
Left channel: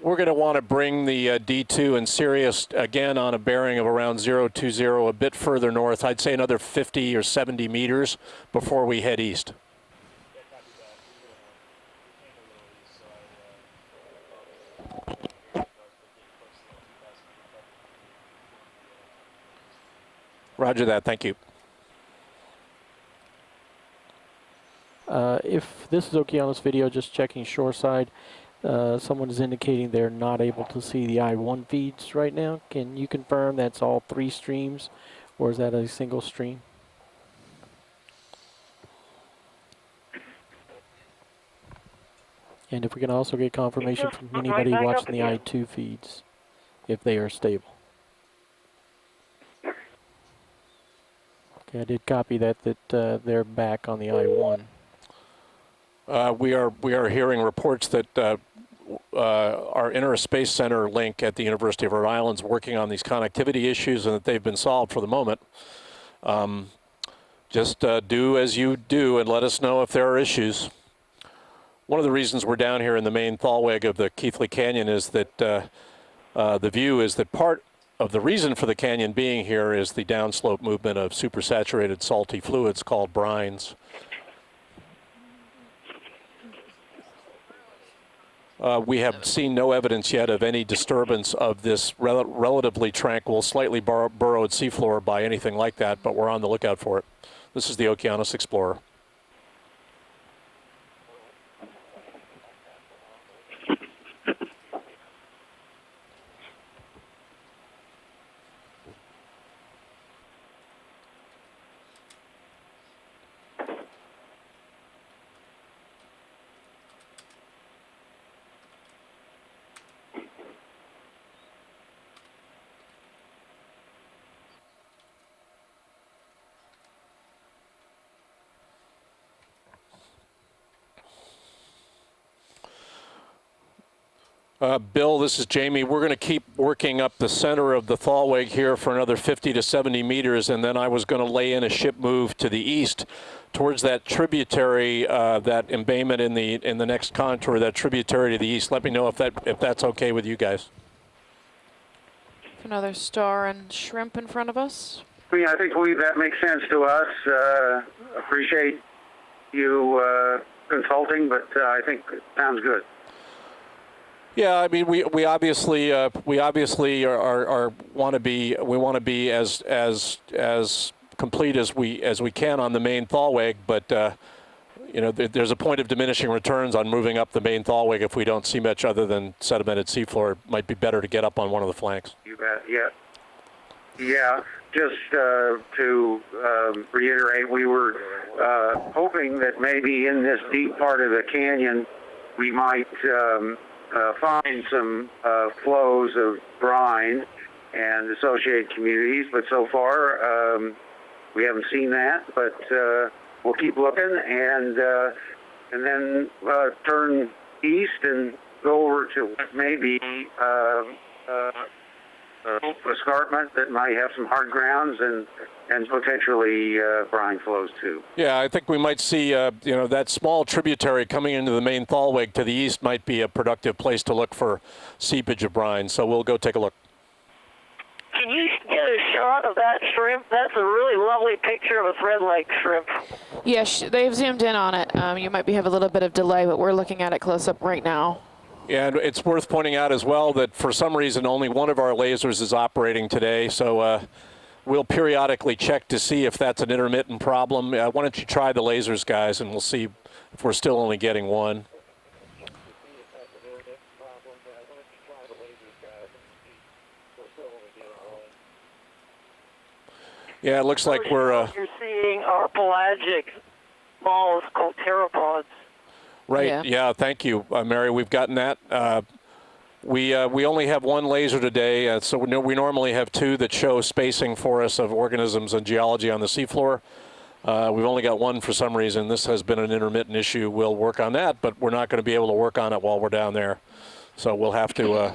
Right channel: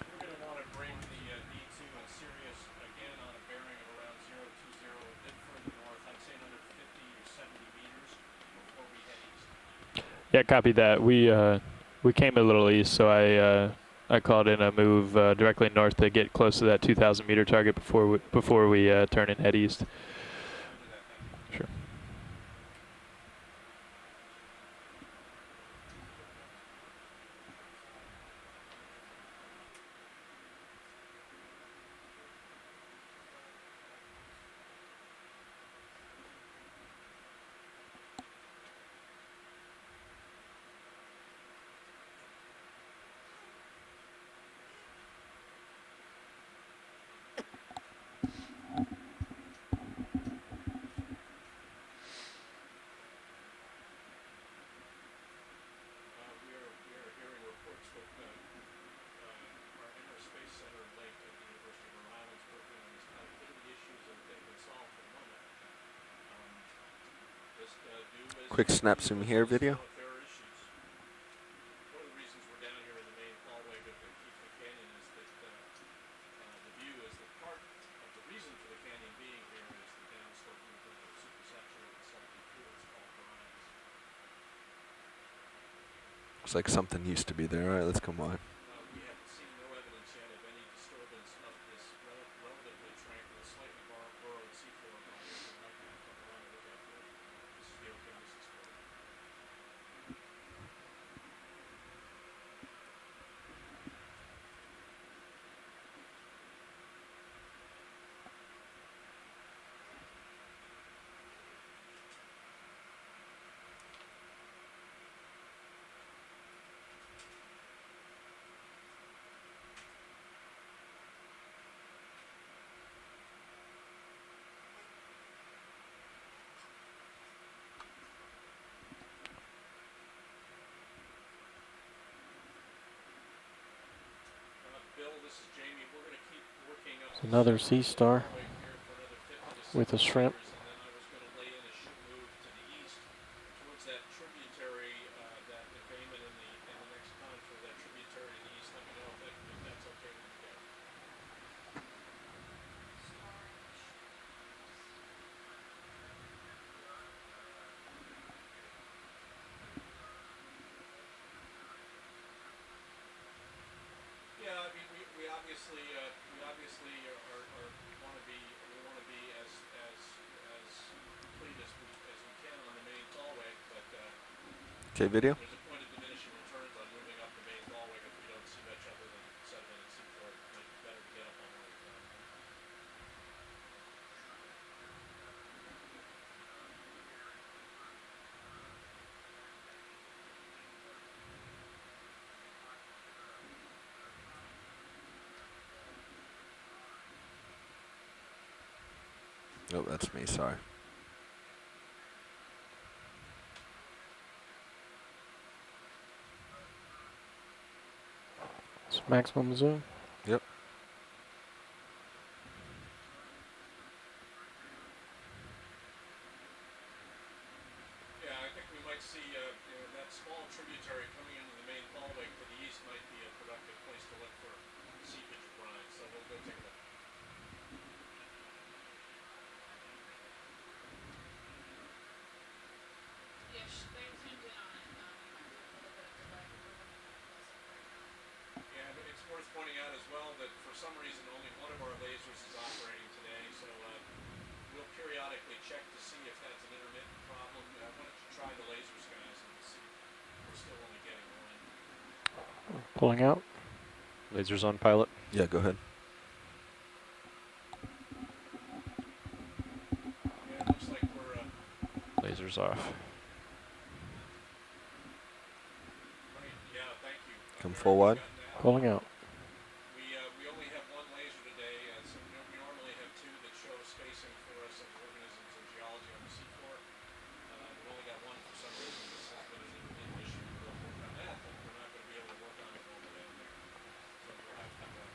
we're going to want to bring the D2 and Sirius again on a bearing of around 020, a bit further north. I'd say another 50 or 70 meters before we head east. Yeah, copy that. We came a little east, so I called in a move directly north to get close to that 2,000 meter target before we turn and head east. Roger that. Thank you. Sure. If this is Okeanos video, just checking shoreside, someone is indicating they're not able to see the I-1 feeds right now. Can you confirm that's all 3 streams, or is that a single stream? And if we can also get confirmation from anybody watching the I-2 feeds, if they are stable. Okay, I did copy that they're back on the I-1. We are hearing reports that our Inner Space Center link at the University of Rhode Island is working on these connectivity issues, and that they've been solved for the moment. Just do as you do and let us know if there are issues. One of the reasons we're down here in the main thalweg of the Keathley Canyon is that the view is that part of the reason for the canyon being here is the downslope movement of supersaturated salty fluids called brines. Looks like something used to be there. All right, let's come on. We have seen no evidence yet of any disturbance of this relatively tranquil, slightly burrowed seafloor by anything like that, but we're on the lookout for it. This is the Okeanos Explorer. Bill, this is Jamie. We're going to keep working up the center of the thalweg here for another 50 to 70 meters, and then I was going to lay in a ship move to the east towards that tributary, that embayment in the next contour, that tributary to the east. Let me know if that's okay with you guys. Another star and shrimp in front of us. Yeah, I think that makes sense to us. Appreciate you consulting, but I think it sounds good. Yeah, I mean, we obviously are want to be as complete as we can on the main thalweg, but you know, there's a point of diminishing returns on moving up the main thalweg if we don't see much other than sedimented seafloor. It might be better to get up on one of the flanks. You bet. Yeah. Just to reiterate, we were hoping that maybe in this deep part of the canyon we might find some flows of brine and associated communities, but so far we haven't seen that. But we'll keep looking, and then turn east and go over to maybe escarpment that might have some hard grounds and potentially brine flows too. Yeah, I think we might see, you know, that small tributary coming into the main thalweg to the east might be a productive place to look for seepage of brine. So we'll go take a look. Can you show shot of that shrimp? That's a really lovely picture of a thread-like shrimp. Yeah, they've zoomed in on it. You might have a little bit of delay, but we're looking at it close up right now. Yeah, and it's worth pointing out as well that for some reason only one of our lasers is operating today, so we'll periodically check to see if that's an intermittent problem. Why don't you try the lasers, guys, and we'll see if we're still only getting one. Pulling out. Lasers on pilot. Yeah, go ahead. Yeah, it looks like we're... You're seeing our pelagic balls called pteropods. Right, yeah, thank you, Mary. We've gotten that. We only have one laser today, so we normally have two that show spacing for us of organisms and geology on the seafloor. We've only got one for some reason. This has been an intermittent issue. We'll work on that, but we're not going to be able to work on it while we're down there. So we'll have to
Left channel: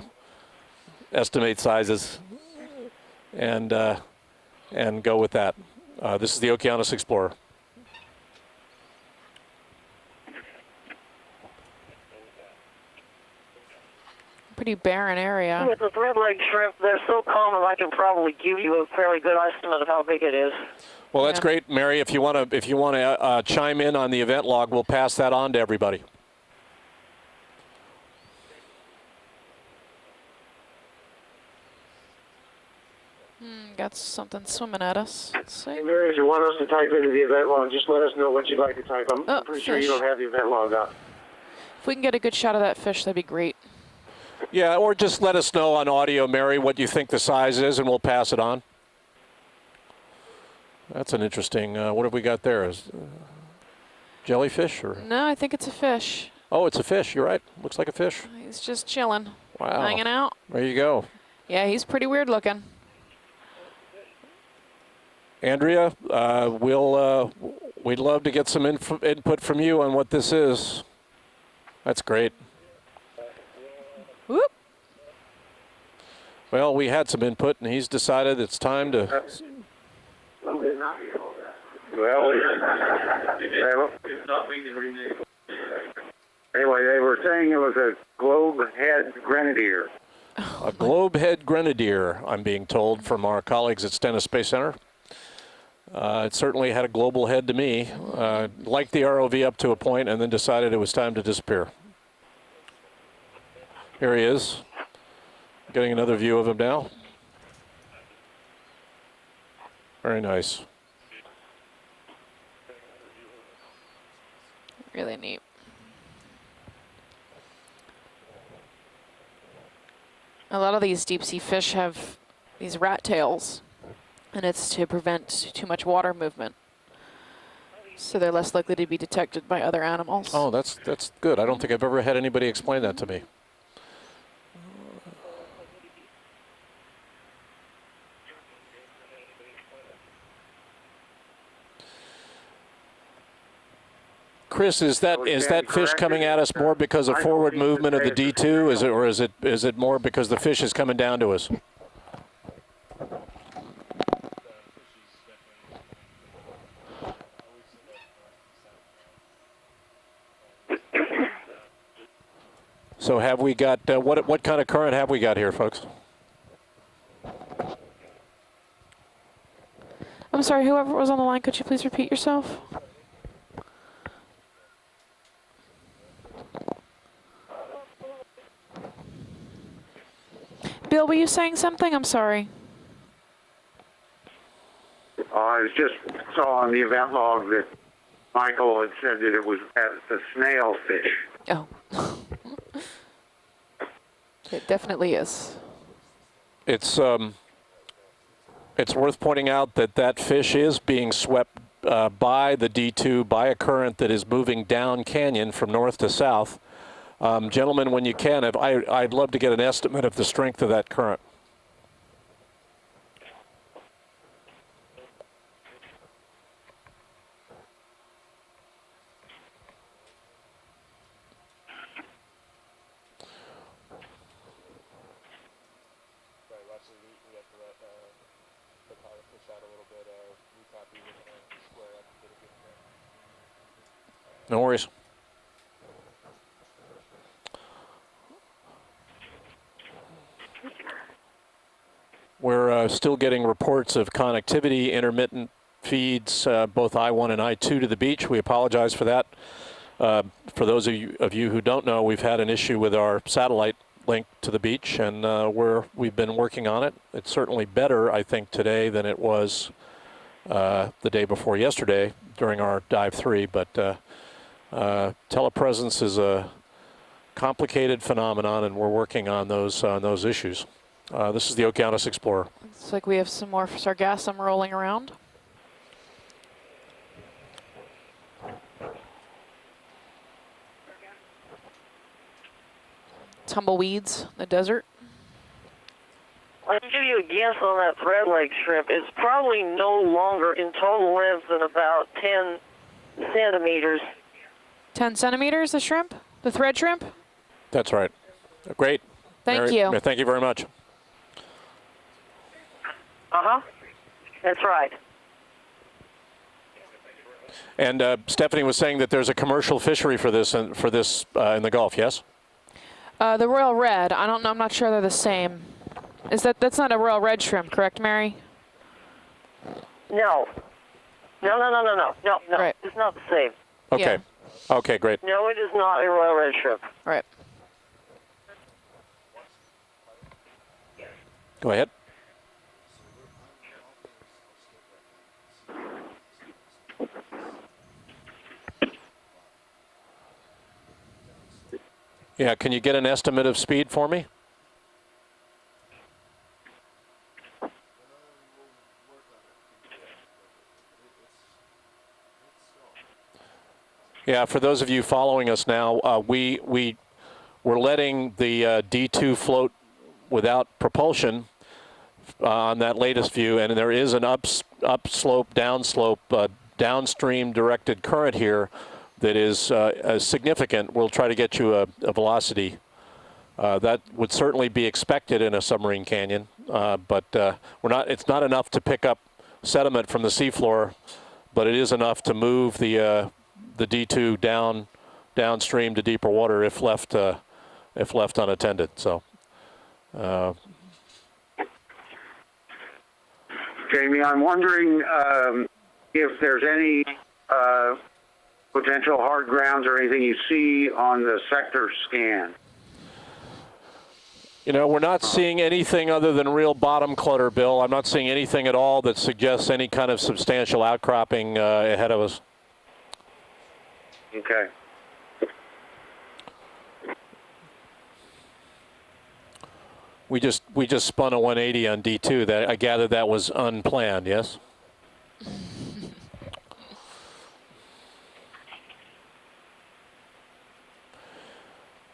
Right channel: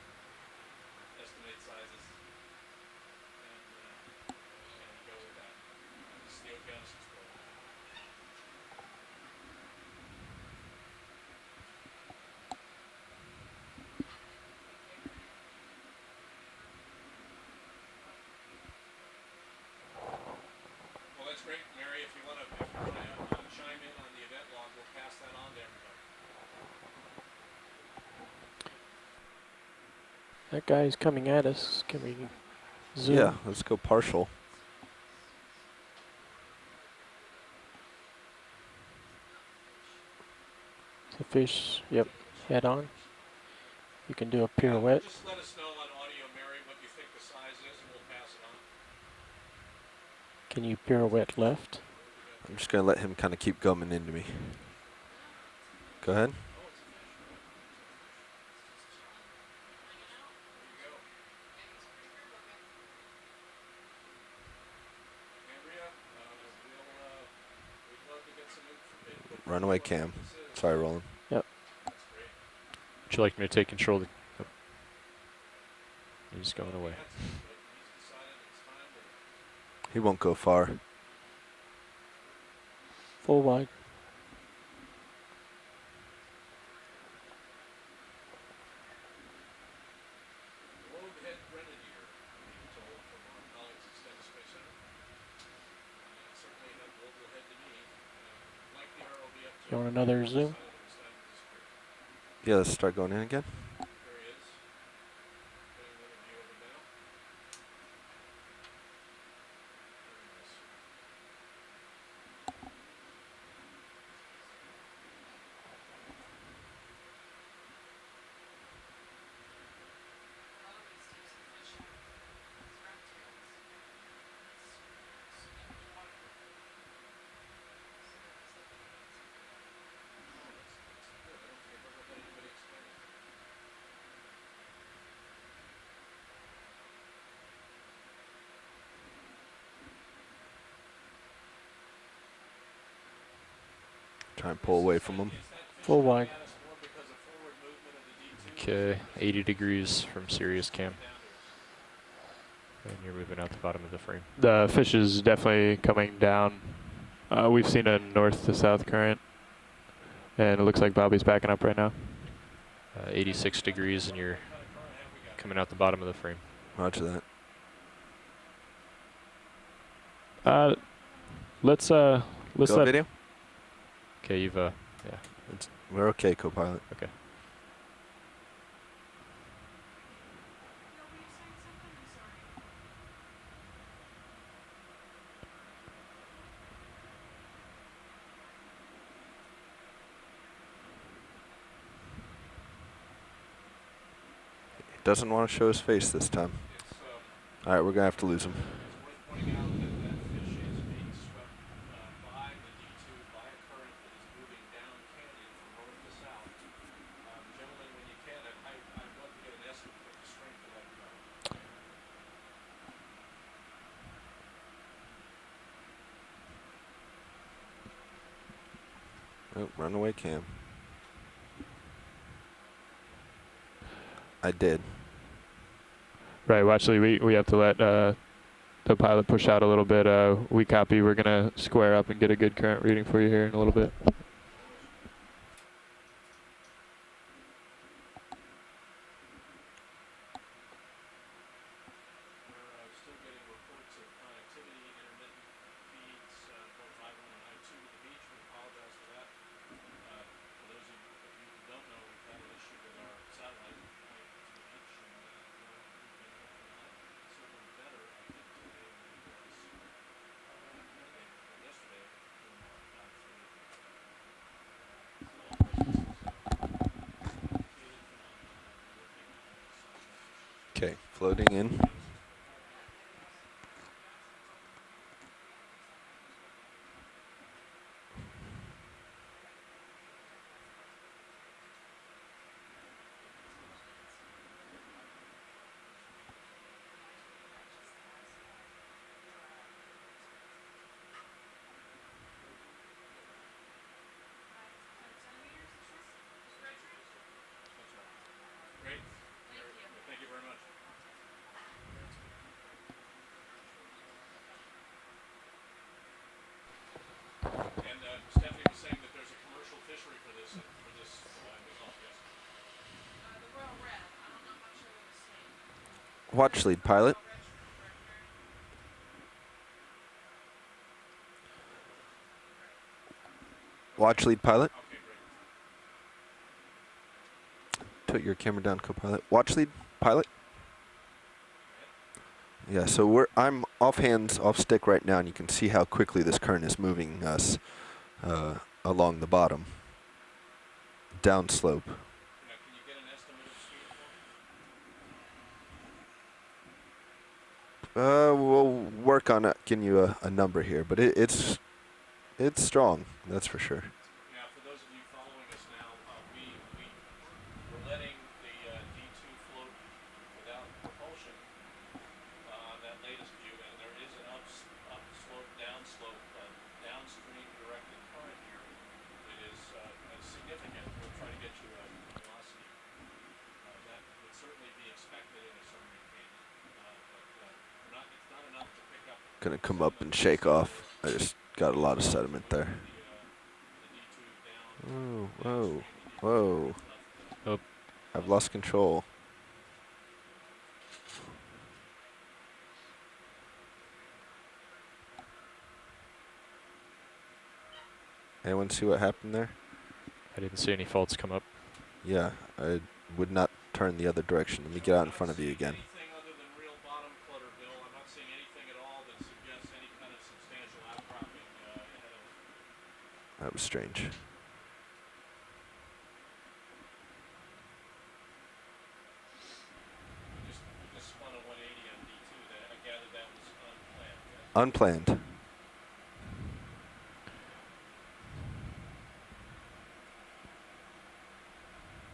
estimate sizes and go with that. This is the Okeanos Explorer. Pretty barren area. With the thread-leg shrimp, they're so common I can probably give you a fairly good estimate of how big it is. Well, that's great, Mary. If you want to chime in on the event log, we'll pass that on to everybody. That guy's coming at us. Can we zoom? Yeah, let's go Got partial. something swimming at us. Let's see. Hey, Mary, if you want us to type into the event log, just let us know what you'd like to type. I'm pretty sure you fish. don't have the event log up. The fish. If we can get a good shot of Head that on. fish, that'd be great. You can do a Yeah, or pirouette. just let us know on audio, Mary, what you think the size is, and we'll pass it on. Can you pirouette That's an interesting. What have we got there? Just gonna let him kind of keep coming into me. Jellyfish or? No, I think it's a fish. Go ahead. Oh, it's a fish. You're right. Looks like a fish. He's just chilling, Wow. hanging out. There you go. Yeah, he's pretty weird looking. Andrea, we'd love to get some input from you on what this is. Sorry, Roland. Yep. That's great. Would you like me to take control? Whoop. Well, we had some input, and he's decided it's time to. He won't go far. Well, anyway, they were saying it was a globe-head grenadier. A globe-head grenadier, I'm being told from our colleagues at Stennis Space Center. It certainly had a global head to me. Liked the ROV up to a point, and then decided it was time to disappear. Yeah, let's start going in again. Here he is. Getting another view of him now. Very nice. Really neat. A lot of these deep sea fish have these rat tails, and it's to prevent too much water movement. So they're less likely to be detected by other animals. Oh, that's good. I don't think I've ever had anybody explain that to me. Chris, is that fish coming at us more because of forward movement of the D2? Is it more because the fish is coming down to us? You're moving out the bottom of the frame. The fish is definitely coming down. We've seen a north to south current, and it looks like Bobby's backing up right now. So have we got what kind of current have we got here, folks? Bottom of the frame. Roger that. I'm sorry, whoever was on the line, could you please repeat yourself? Let's Go let video. Okay, you've yeah. We're okay, co-pilot. Okay. Bill, were you saying something? I'm sorry. I was just saw on the event log that Michael had said that it was a snail fish. Oh. It definitely Doesn't is. want to show his face this time. It's All right, we're gonna have to lose him. It's worth pointing out that that fish is being swept by the D2 by a current that is moving down canyon from north to south. Gentlemen, when you can, I'd love to get an estimate of the strength of that current. Oh, runaway cam. I did. Right, well, actually, we have to let the pilot push out a little bit. We copy. We're going to square up and get a good current reading for you here in a little bit. No worries. We're still getting reports of connectivity, intermittent feeds, both I-1 and I-2 to the beach. We apologize for that. For those of you who don't know, we've had an issue with our satellite link to the beach, and we've been working on it. It's certainly better, I think, today than it was the day before yesterday during our Dive 3, but telepresence is a complicated phenomenon, and we're working on those issues. Okay. This is the Okeanos Explorer. Looks like we have some more sargassum rolling around. Tumbleweeds in the desert. I'll give you a guess on that thread leg shrimp. It's probably no longer in total length than about 10 centimeters. 10 centimeters, the shrimp? The thread shrimp? That's right. Great. Thank you. Thank you very much. Uh-huh. That's right. And Stephanie was saying that there's a commercial fishery for this in the Gulf, yes? The royal red. I don't know. I'm not sure they're the same. That's not a royal red shrimp, correct, Mary? No. No. Right. It's not the same. Okay. Watch lead pilot. Okay, great. No, it is not a royal red shrimp. Right. Put your camera down, co-pilot. Watch lead pilot. Go ahead. Yeah, so I'm off hands, off stick right now, and you can see how quickly this current is moving us along the bottom, downslope. Yeah, can you get an estimate of speed for me? We'll work on getting you a number here, but it's strong, that's for sure. Yeah, for those of you following us now, we're letting the D2 float without propulsion on that latest view, and there is an upslope, downslope, downstream directed current here that is significant. We'll try to get you a velocity. That would certainly be expected in a submarine canyon, but it's not enough to pick up sediment from the seafloor, but it is enough to move the D2 downstream to deeper water if left unattended. Control. So. Jamie, I'm wondering if there's any potential hard grounds or anything you see on the sector scan. Yeah, I would not turn the other direction. You know, we're not seeing anything other than real bottom clutter, Bill. I'm not seeing anything at all that suggests any kind of substantial outcropping ahead of us. That was strange. Okay. We just spun a 180 on D2. That I gather that was unplanned, yes? Unplanned.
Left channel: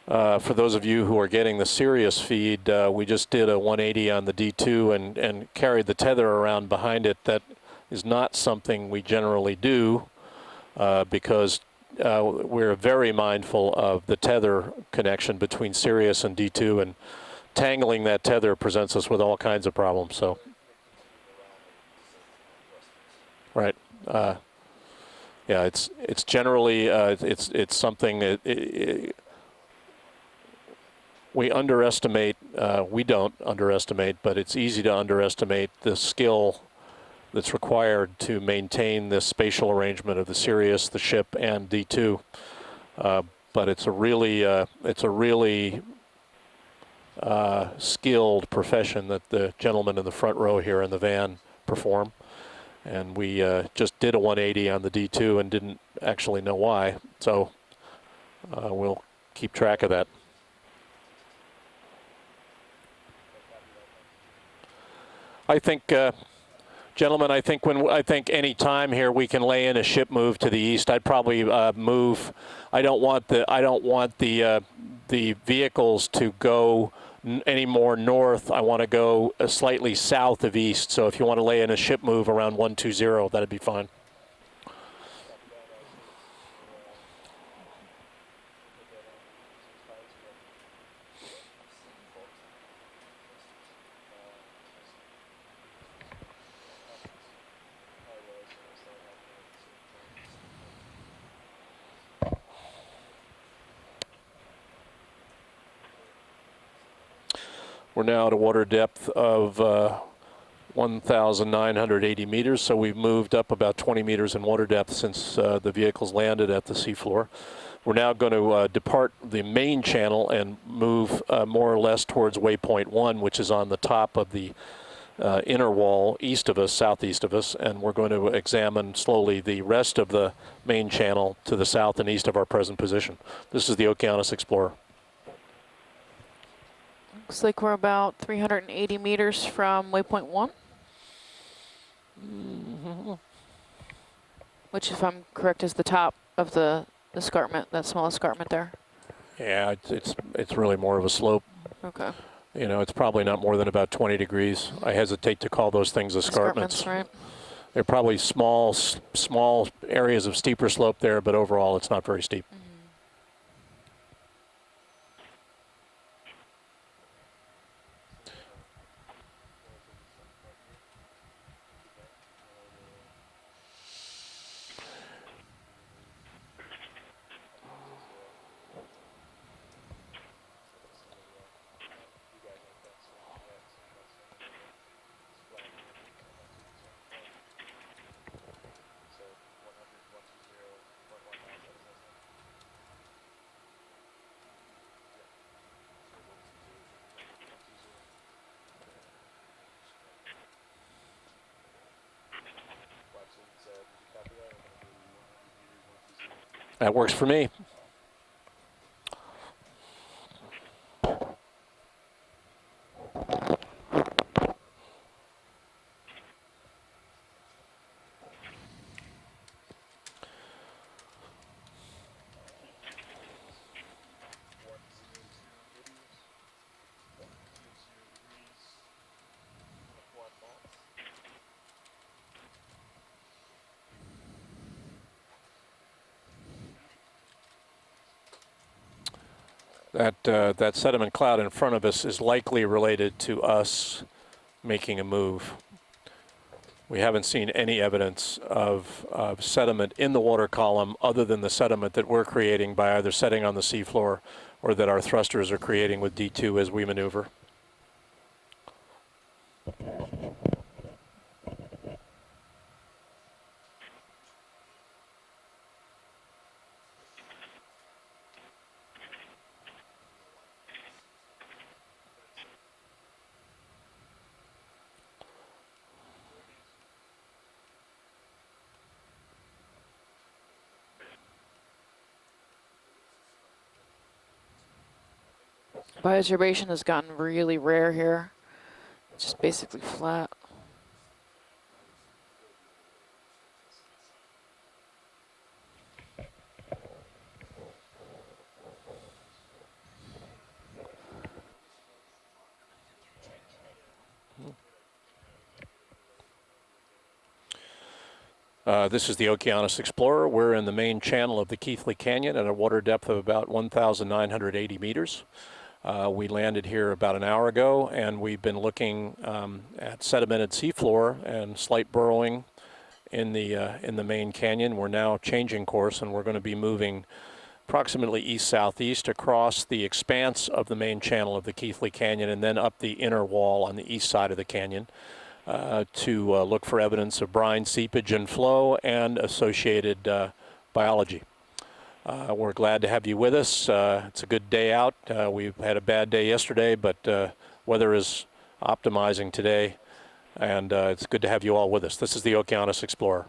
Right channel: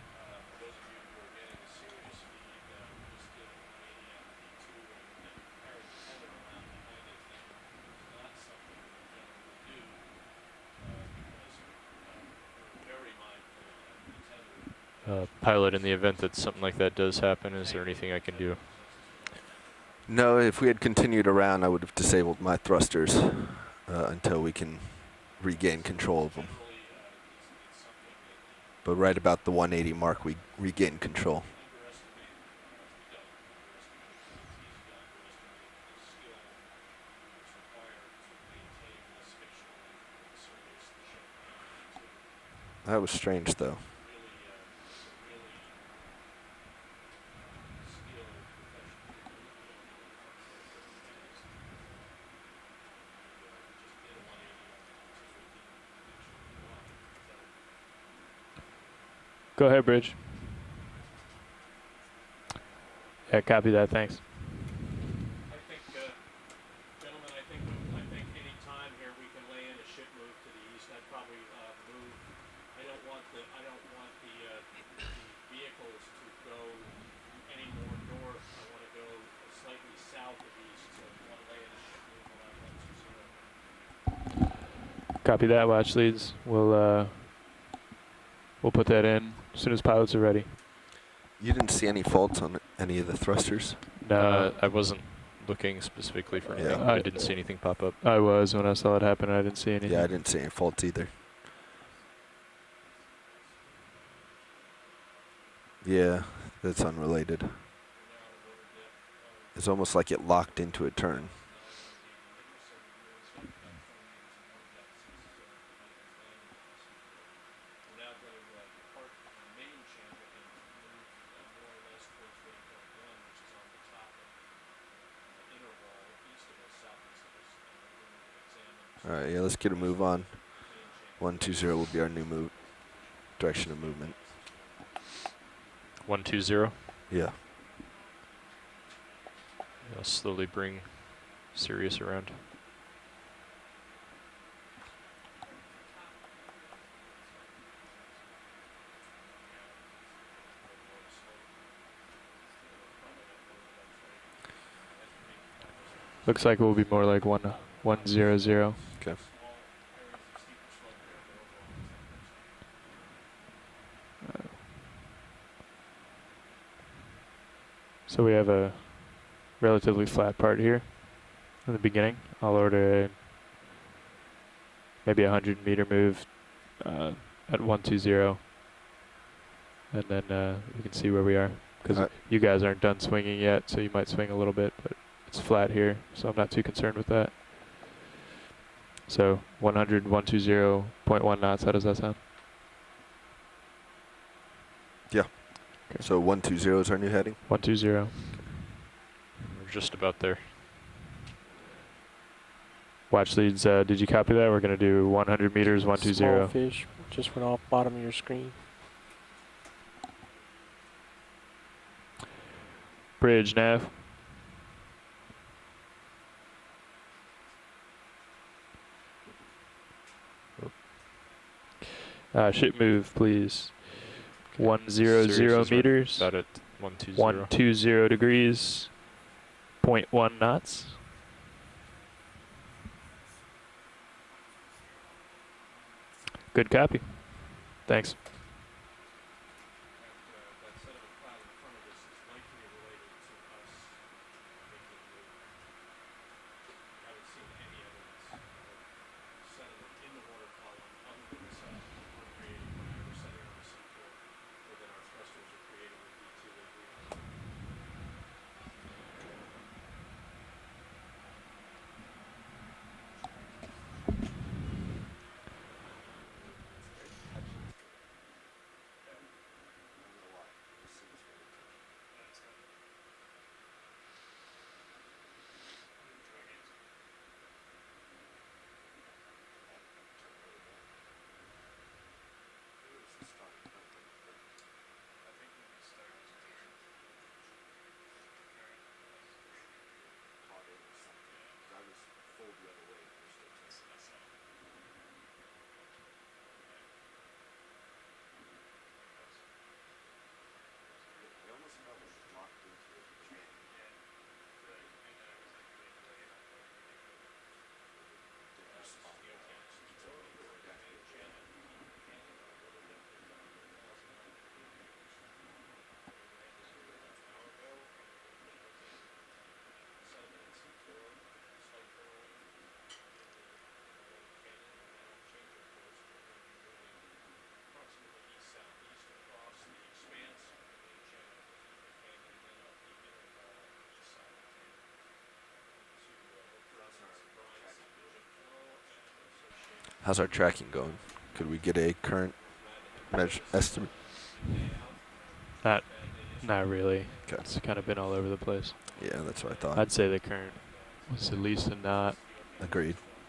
For those of you who are getting the Sirius feed, we just did a 180 on the D2 and carried the tether around behind it. That is not something we generally do because we're very mindful of the tether connection between Sirius and D2. Like that does happen. Tangling that tether presents us with all kinds of problems. No, if we had continued around, I would have disabled my thrusters. Right. Until we can regain control. It's generally it's something that right about the 180 mark we regain control. We underestimate. We don't underestimate, but it's easy to underestimate the skill that's required to maintain this spatial arrangement of the Sirius, the ship, and D2. That was strange. But it's a really skilled profession that the gentlemen in the front row here in the van perform. And we just did a 180 on the D2 and didn't actually know why. So we'll keep track of that. Yeah, copy that. Thanks. I think, gentlemen, I think any time here we can lay in a ship move to the east. I'd probably move. I don't want the vehicles to go any more north. I want to go slightly south of east. So if you want to lay in a ship move around 120, that'd be fine. Copy that. Watch leads. We'll put that in as soon as pilots are ready. You didn't see any faults on any of the thrusters? No, I wasn't looking specifically for anything. Yeah. I didn't see anything pop up. I was when I saw it happen. I didn't see anything. Yeah, I didn't see any faults either. Yeah, that's unrelated. We're now at a water depth of It's almost like it locked into a turn. 1,980 meters, so we've moved up about 20 meters in water depth since the vehicles landed at the seafloor. We're now going to depart the main channel and move more or less towards waypoint 1, which is on the top of the inner wall east of us, southeast of us, and we're going to examine slowly the rest of the main channel to the south and east of our present position. This is the Okeanos Explorer. 120. Yeah. Looks like we're about 380 meters from waypoint Slowly 1. bring Sirius around. Which, if I'm correct, is the top of the escarpment, that small escarpment there. Yeah, it's really more of a slope. Okay. You know, it's probably not more than about 20 degrees. I hesitate to call those things escarpments. Looks like it will be more like one. They're probably small areas of steeper slope there, but overall it's not very steep. So we have a relatively flat part here in the beginning. I'll order maybe a 100-meter move at 120, and then we can see where we are. Because you guys aren't done swinging yet, so you might swing a little bit, but it's flat here, so I'm not too concerned with that. So 100, 120.1 knots, how does that sound? Yeah. Okay. So 120 is our new heading? 120. We're just about there. Watch leads, did you copy that? We're going to do 100 meters, 120. Small fish. That works for me. Off bottom of your screen. Bridge nav. Ship move, please. 100 meters. About at 120. 120 degrees. 0.1 knots. Good copy. Thanks. That sediment cloud in front of us is likely related to us making a move. We haven't seen any evidence of sediment in the water column other than the sediment that we're creating by either setting on the seafloor or that our thrusters are creating with D2 as we maneuver. Bioturbation has gotten really rare here. It's just basically flat. This is the Okeanos Explorer. We're in the main channel of the Keathley Canyon at a water depth of about 1,980 meters. We landed here about an hour ago, and we've been looking at sedimented seafloor and slight burrowing in the main canyon. We're now changing course, and we're going to be moving approximately east-southeast across the expanse of the main channel of the Keathley Canyon and then up the inner wall on the east side of the canyon to look for evidence of brine seepage and flow and associated biology. Could we get a current? We're glad to have you with us. It's a good day out. We've had a bad day yesterday, really. But weather is optimizing today. I'd say the current. And it's good to have you all with us. This is the Okeanos Explorer.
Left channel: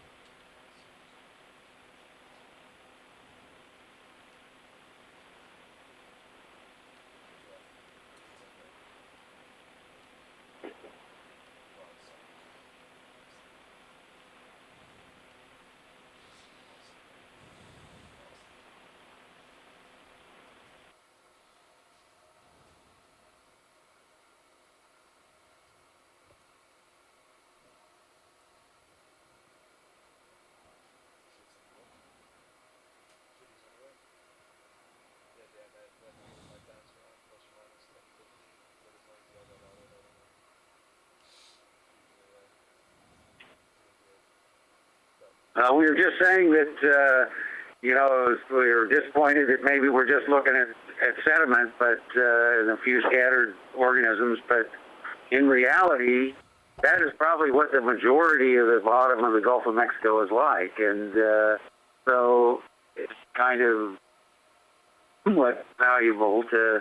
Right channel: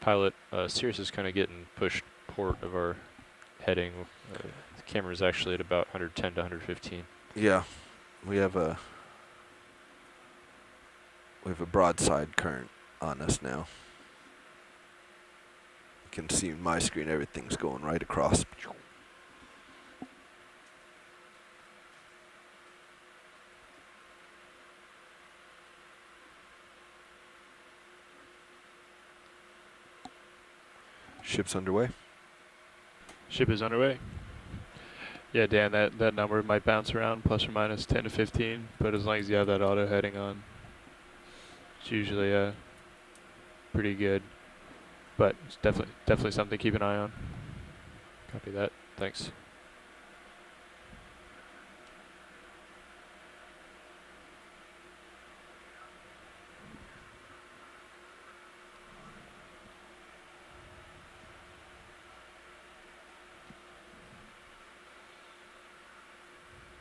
Pilot, Sirius is kind of getting pushed port of our heading. The camera is actually at about 110 to 115. Yeah, we have a broadside current on us now. You can see my screen, everything's going right across. Ship's underway. Ship is underway. Yeah, Dan, that number might bounce around plus or minus 10 to 15, but as long as you have that auto heading on. it's usually pretty good. But it's we were just definitely saying something to keep an eye on. that, you know, we were disappointed that maybe we're just looking at sediment, but and a few scattered organisms. But in reality, that is probably what the majority of the bottom of the Gulf of Mexico is like, and so it's kind of somewhat valuable to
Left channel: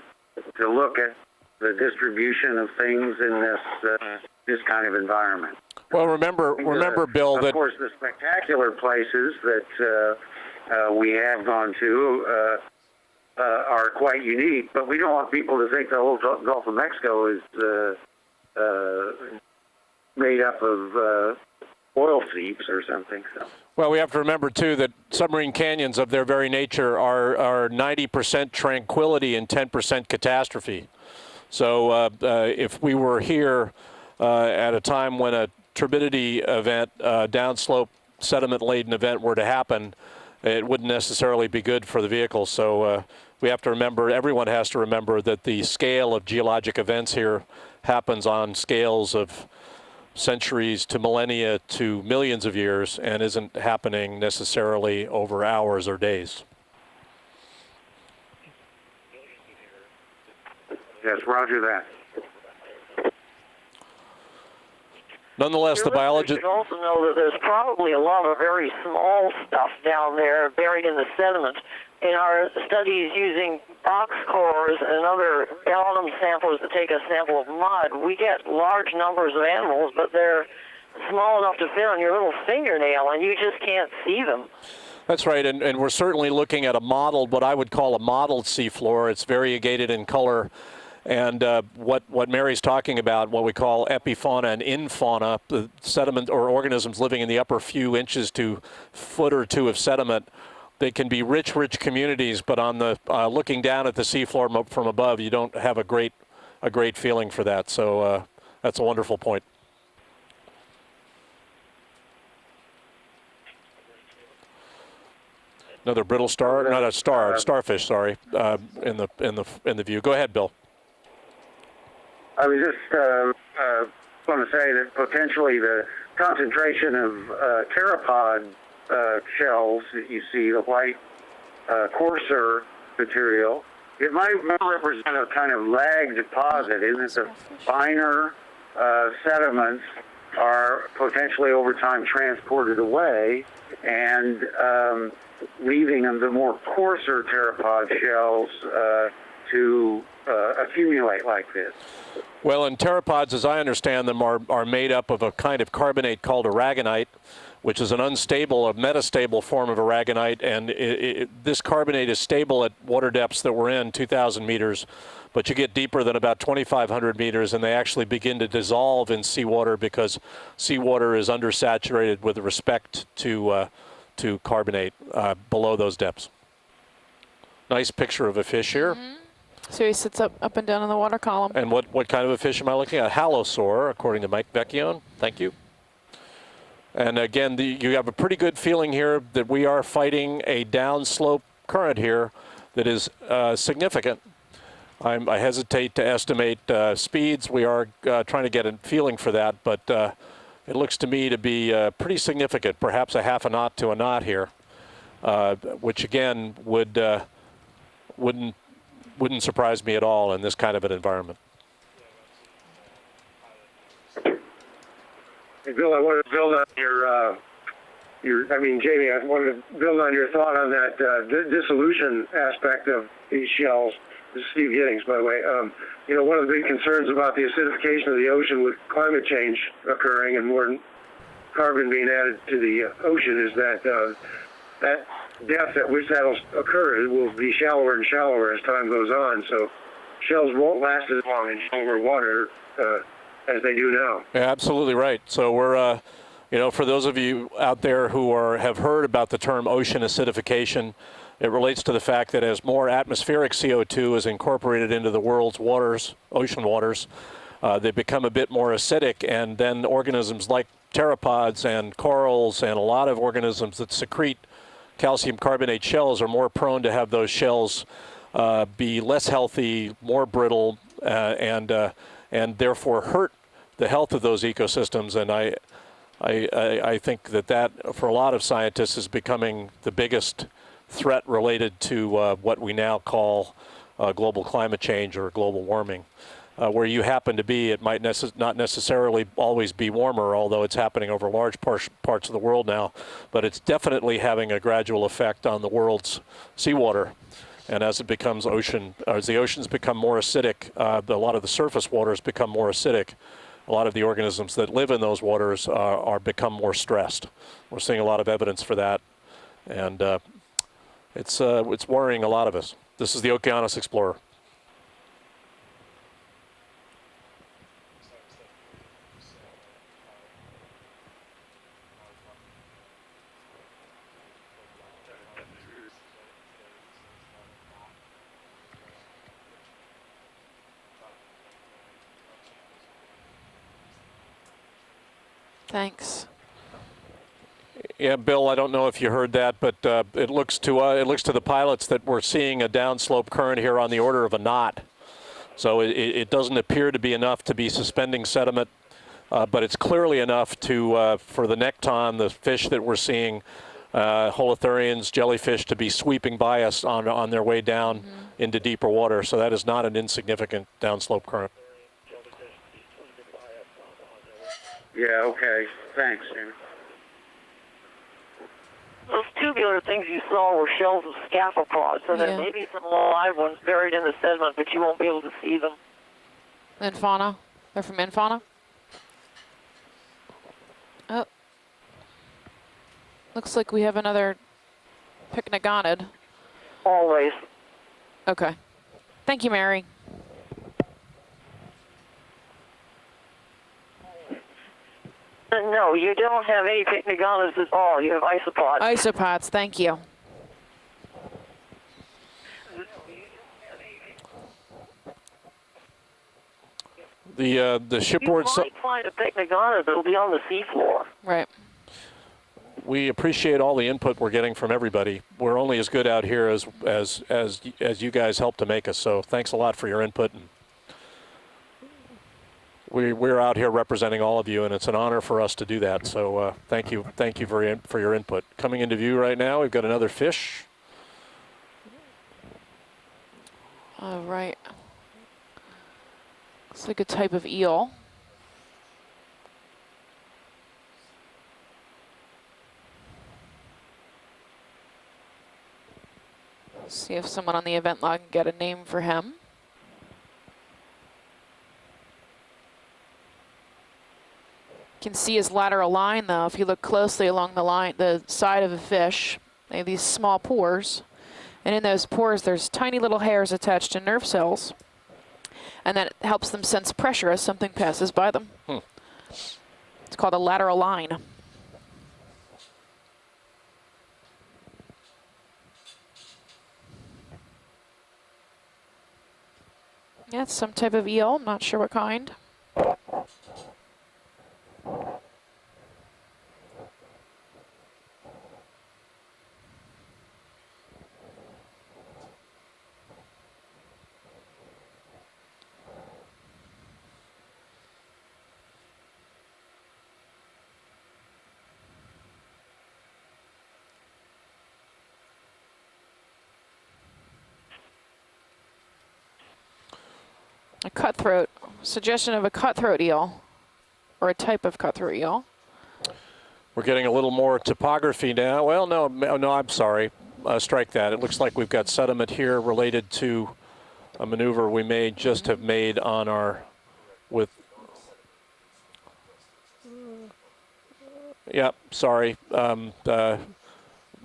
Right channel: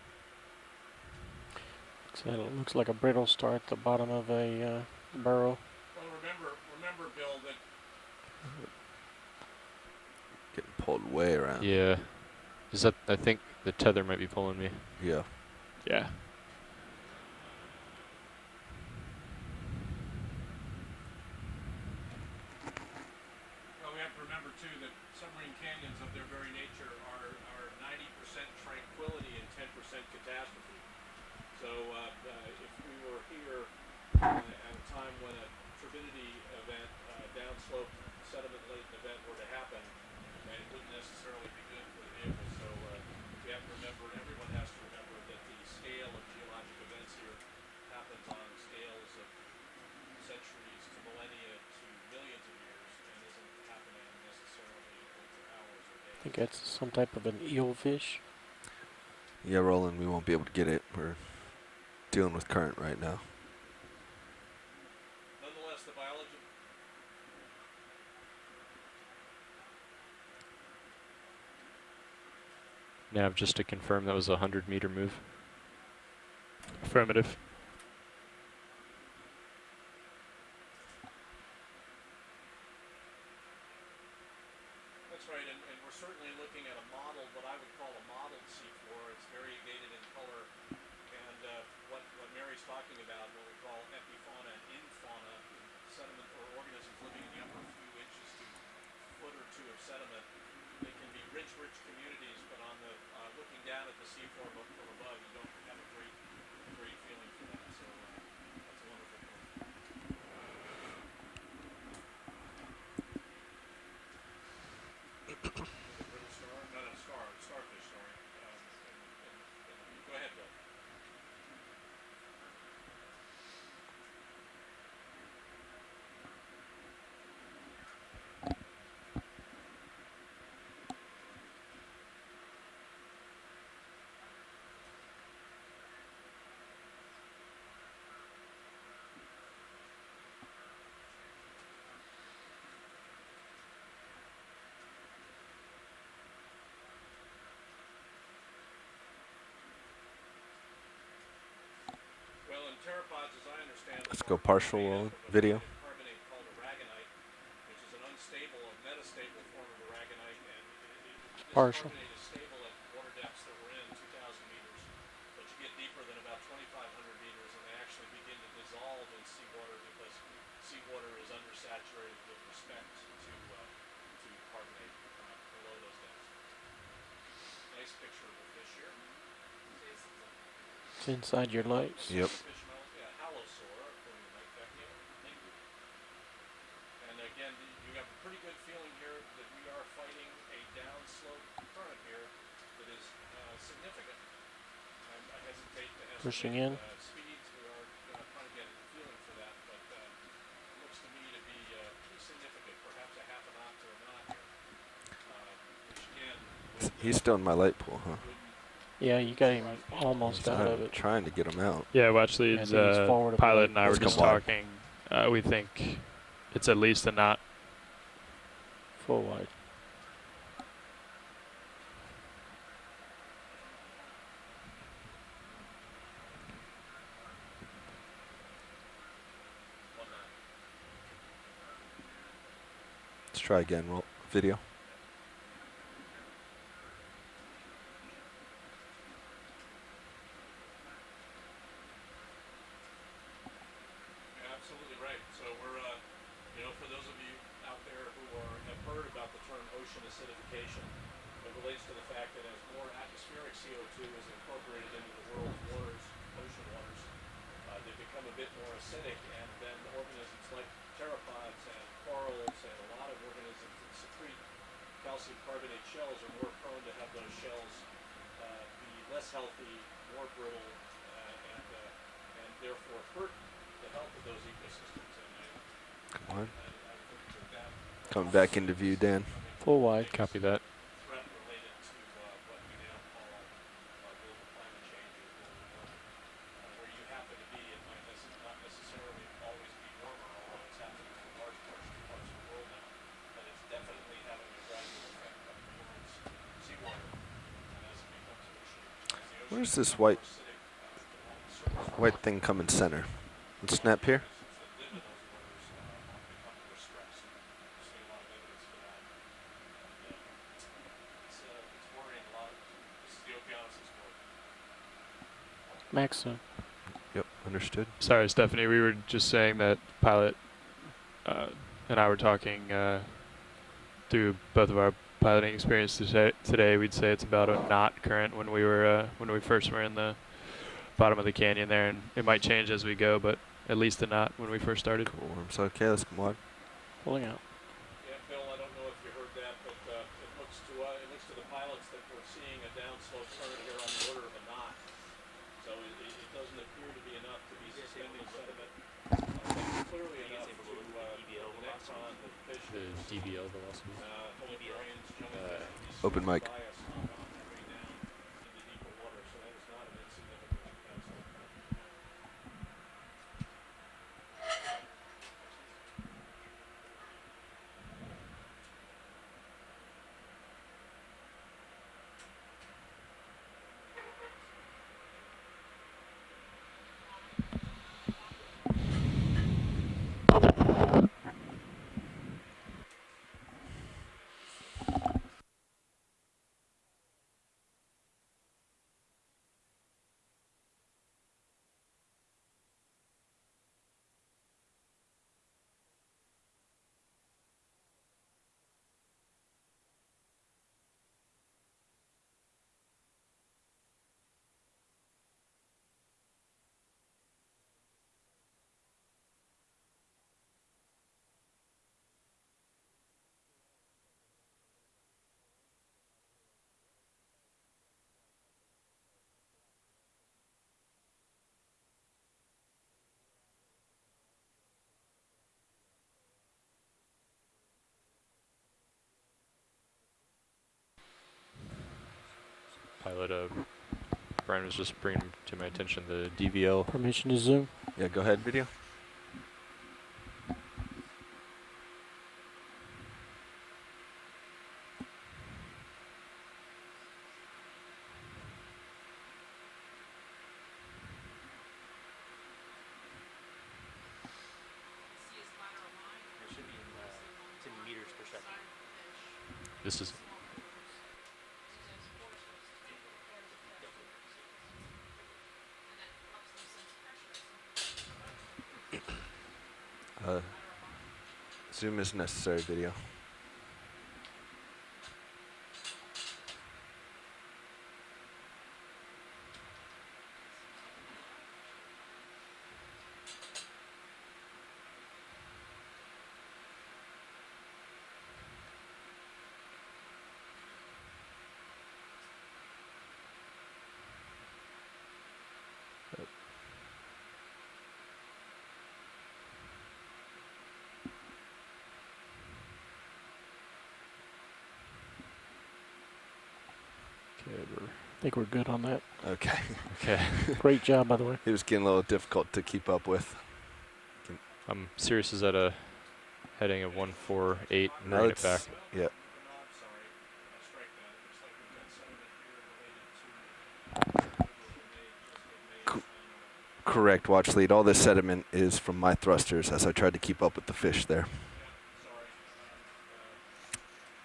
look at the distribution of things in this kind of environment. Well, remember, Bill, of that course the spectacular places that we have gone to Is that, I think, are quite unique, but we don't want people to think the whole Gulf of Mexico is made up of oil seeps or something. So. well, we have to remember too that submarine canyons of their very nature are 90% tranquility and 10% catastrophe. So if we were here at a time when a turbidity event, downslope sediment-laden event were to happen, it wouldn't necessarily be good for the vehicle. So we have to remember, everyone has to remember that the scale of geologic events here happens on scales of centuries to millennia to millions of years and isn't happening necessarily over hours or days. That's some type of an eelfish. Yeah, Roland, we won't be able to get it. We're Yes, roger that. dealing with current right now. Nonetheless, the biologist... You should also know that there's probably a lot of very small stuff down there buried in the sediment. In our studies using just to confirm that ox was 100 cores meters. and other bottom samplers to take a sample of mud, we get large numbers of animals, but they're small enough to fit on your little fingernail, and you just can't see them. That's right, and we're certainly looking at a modeled, what I would call a modeled seafloor. It's variegated in color. And what Mary's talking about, what we call epifauna and infauna, the sediment or organisms living in the upper few inches to foot or two of sediment, they can be rich communities, but on the looking down at the seafloor from above, you don't have a great feeling for that. So that's a wonderful point. Another brittle star, not a star, starfish. Sorry, in the view. Go ahead, Bill. I was just going to say that potentially the concentration of pteropod shells that you see, the white coarser material, it might represent a kind of lag deposit, isn't it? The finer sediments are potentially over time transported away and leaving them the more coarser pteropod shells to accumulate like this. Well, and pteropods, as I understand them, are made up of a kind of carbonate called aragonite, which is an unstable, a metastable form of aragonite, and this carbonate is stable at water depths that we're in, 2,000 meters, but you get deeper than about 2,500 meters, and they actually begin to dissolve in seawater because seawater is undersaturated with respect to carbonate below those depths. Nice picture of a fish here. Mm-hmm. So he sits up and down in the water column. And what kind of a fish am I looking at? Halosaur, according to Mike Vecchione. Thank you. And again, you have a pretty good feeling here that we are fighting a downslope current here that is significant. I hesitate to estimate speeds. We are trying to get a feeling for that, but it looks to me to be pretty significant, perhaps a half a knot to a knot here, which again would He's still in my light pool, huh? wouldn't surprise me at all in this kind of an environment. Get him out. Yeah, watch leads. Pilot and I were just talking. We think Hey, Bill, I wanted to build it's on at least a knot. Jamie, I wanted to build on your thought on that dissolution aspect of these shells. This is Steve Giddings, by the way. One of the big concerns about the acidification of the ocean with climate change occurring and more carbon being added to the ocean is that that depth at which that will occur will be shallower and shallower as time goes on. So shells won't last as long in shallower water as they do now. Yeah, absolutely right. So we're, for those of you out there who have heard about the term ocean acidification, it relates to the fact that as more atmospheric CO2 is incorporated into the world's waters, ocean waters, they become a bit more acidic, and then organisms like pteropods and corals and a lot of organisms that secrete calcium carbonate shells are more prone to have those shells be less healthy, more brittle, and therefore hurt the health of those ecosystems, and I think that for a lot of Back into scientists view, is Dan. becoming Oh, the I biggest Copy that. threat related to what we now call global climate change or global warming. Where you happen to be, it might not necessarily always be warmer, although it's happening over large parts of the world now, but it's definitely having a gradual effect on the world's seawater. And as it becomes as the oceans become more acidic, a lot of the surface waters thing become more coming center. acidic. A lot of Snap the here. organisms that live in those waters are become more stressed. We're seeing a lot of evidence for that, and it's worrying a lot of us. This is the Okeanos Explorer. Max, Yep, understood. Sorry, Stephanie, we were just saying that pilot and I were talking through both of our piloting experience today. We'd say it's about a knot current when we first were in the bottom of the canyon there, and it might change as we go, but at least a knot when we first started. Cool. So okay, let's Thanks. log. pulling out. Yeah, Bill, I don't know if you heard that, but it looks to the pilots that we're seeing a downslope current here on the order of a knot. So it doesn't appear to be enough to be suspending sediment, but it's clearly enough to for the nekton, the fish that we're seeing, holothurians, jellyfish, to be sweeping by us on their way down into deeper water. So that is not an insignificant downslope current. Yeah, okay. Thanks, Jamie. Those tubular things you saw were shells of scaphopods, so there Yeah. may be some live ones buried in the sediment, but you won't be able to see them. Infauna. They're from Infauna. Oh. Looks like we have another pycnogonid. Always. Okay. Thank you, Mary. No, you don't have any pycnogonids at all. You have isopods. Isopods, thank you. The shipboard. You might find a pycnogonid that'll be on the seafloor. Right. We appreciate all the input we're getting from everybody. We're only as good out here as you guys help to make us. So thanks a lot for your input. And we're out here representing all of you, and it's an honor for us to do that. So thank you for your input. Coming into view right now, we've got another fish. Pilot, All right. Brian was just bringing to my attention the DVL. It's like a type Permission of to zoom. eel. Yeah, go ahead, video. See if someone on the event log can get a name for him. You can see his lateral line though. If you look closely along the line, the side of a fish, they have these small pores. And in those pores, there's tiny little hairs attached to nerve cells. And that helps them sense pressure as something passes by them. It's called a lateral line. Zoom is necessary, video. Yeah, it's some type of eel, not sure what kind. I think we're good on that. Okay. Okay. Great job. on that. Cutthroat. It was getting a little Suggestion of a difficult to keep cutthroat up eel, with. or a type of cutthroat Sirius eel. is at a heading. We're of getting a little more 148. topography No, now. Well, no, I'm sorry. Strike that. It looks like we've got sediment here related to a maneuver we may just have made on our. Correct, watch lead. All this sediment is from my thrusters as I tried to keep up with the fish there. Yep, sorry.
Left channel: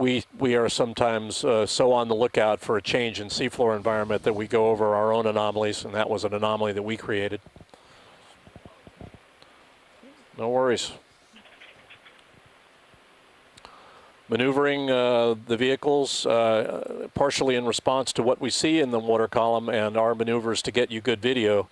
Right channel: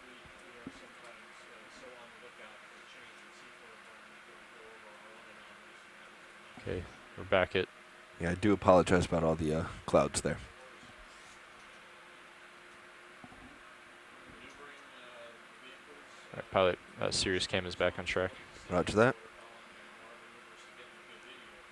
We are sometimes so on the lookout for a change in seafloor environment that we go over our own anomalies, and that was an anomaly that we created. Back it. Yeah, I do apologize about all the clouds there. No worries. Maneuvering the vehicles partially in response to what we see in the water column and our maneuvers to get you good video.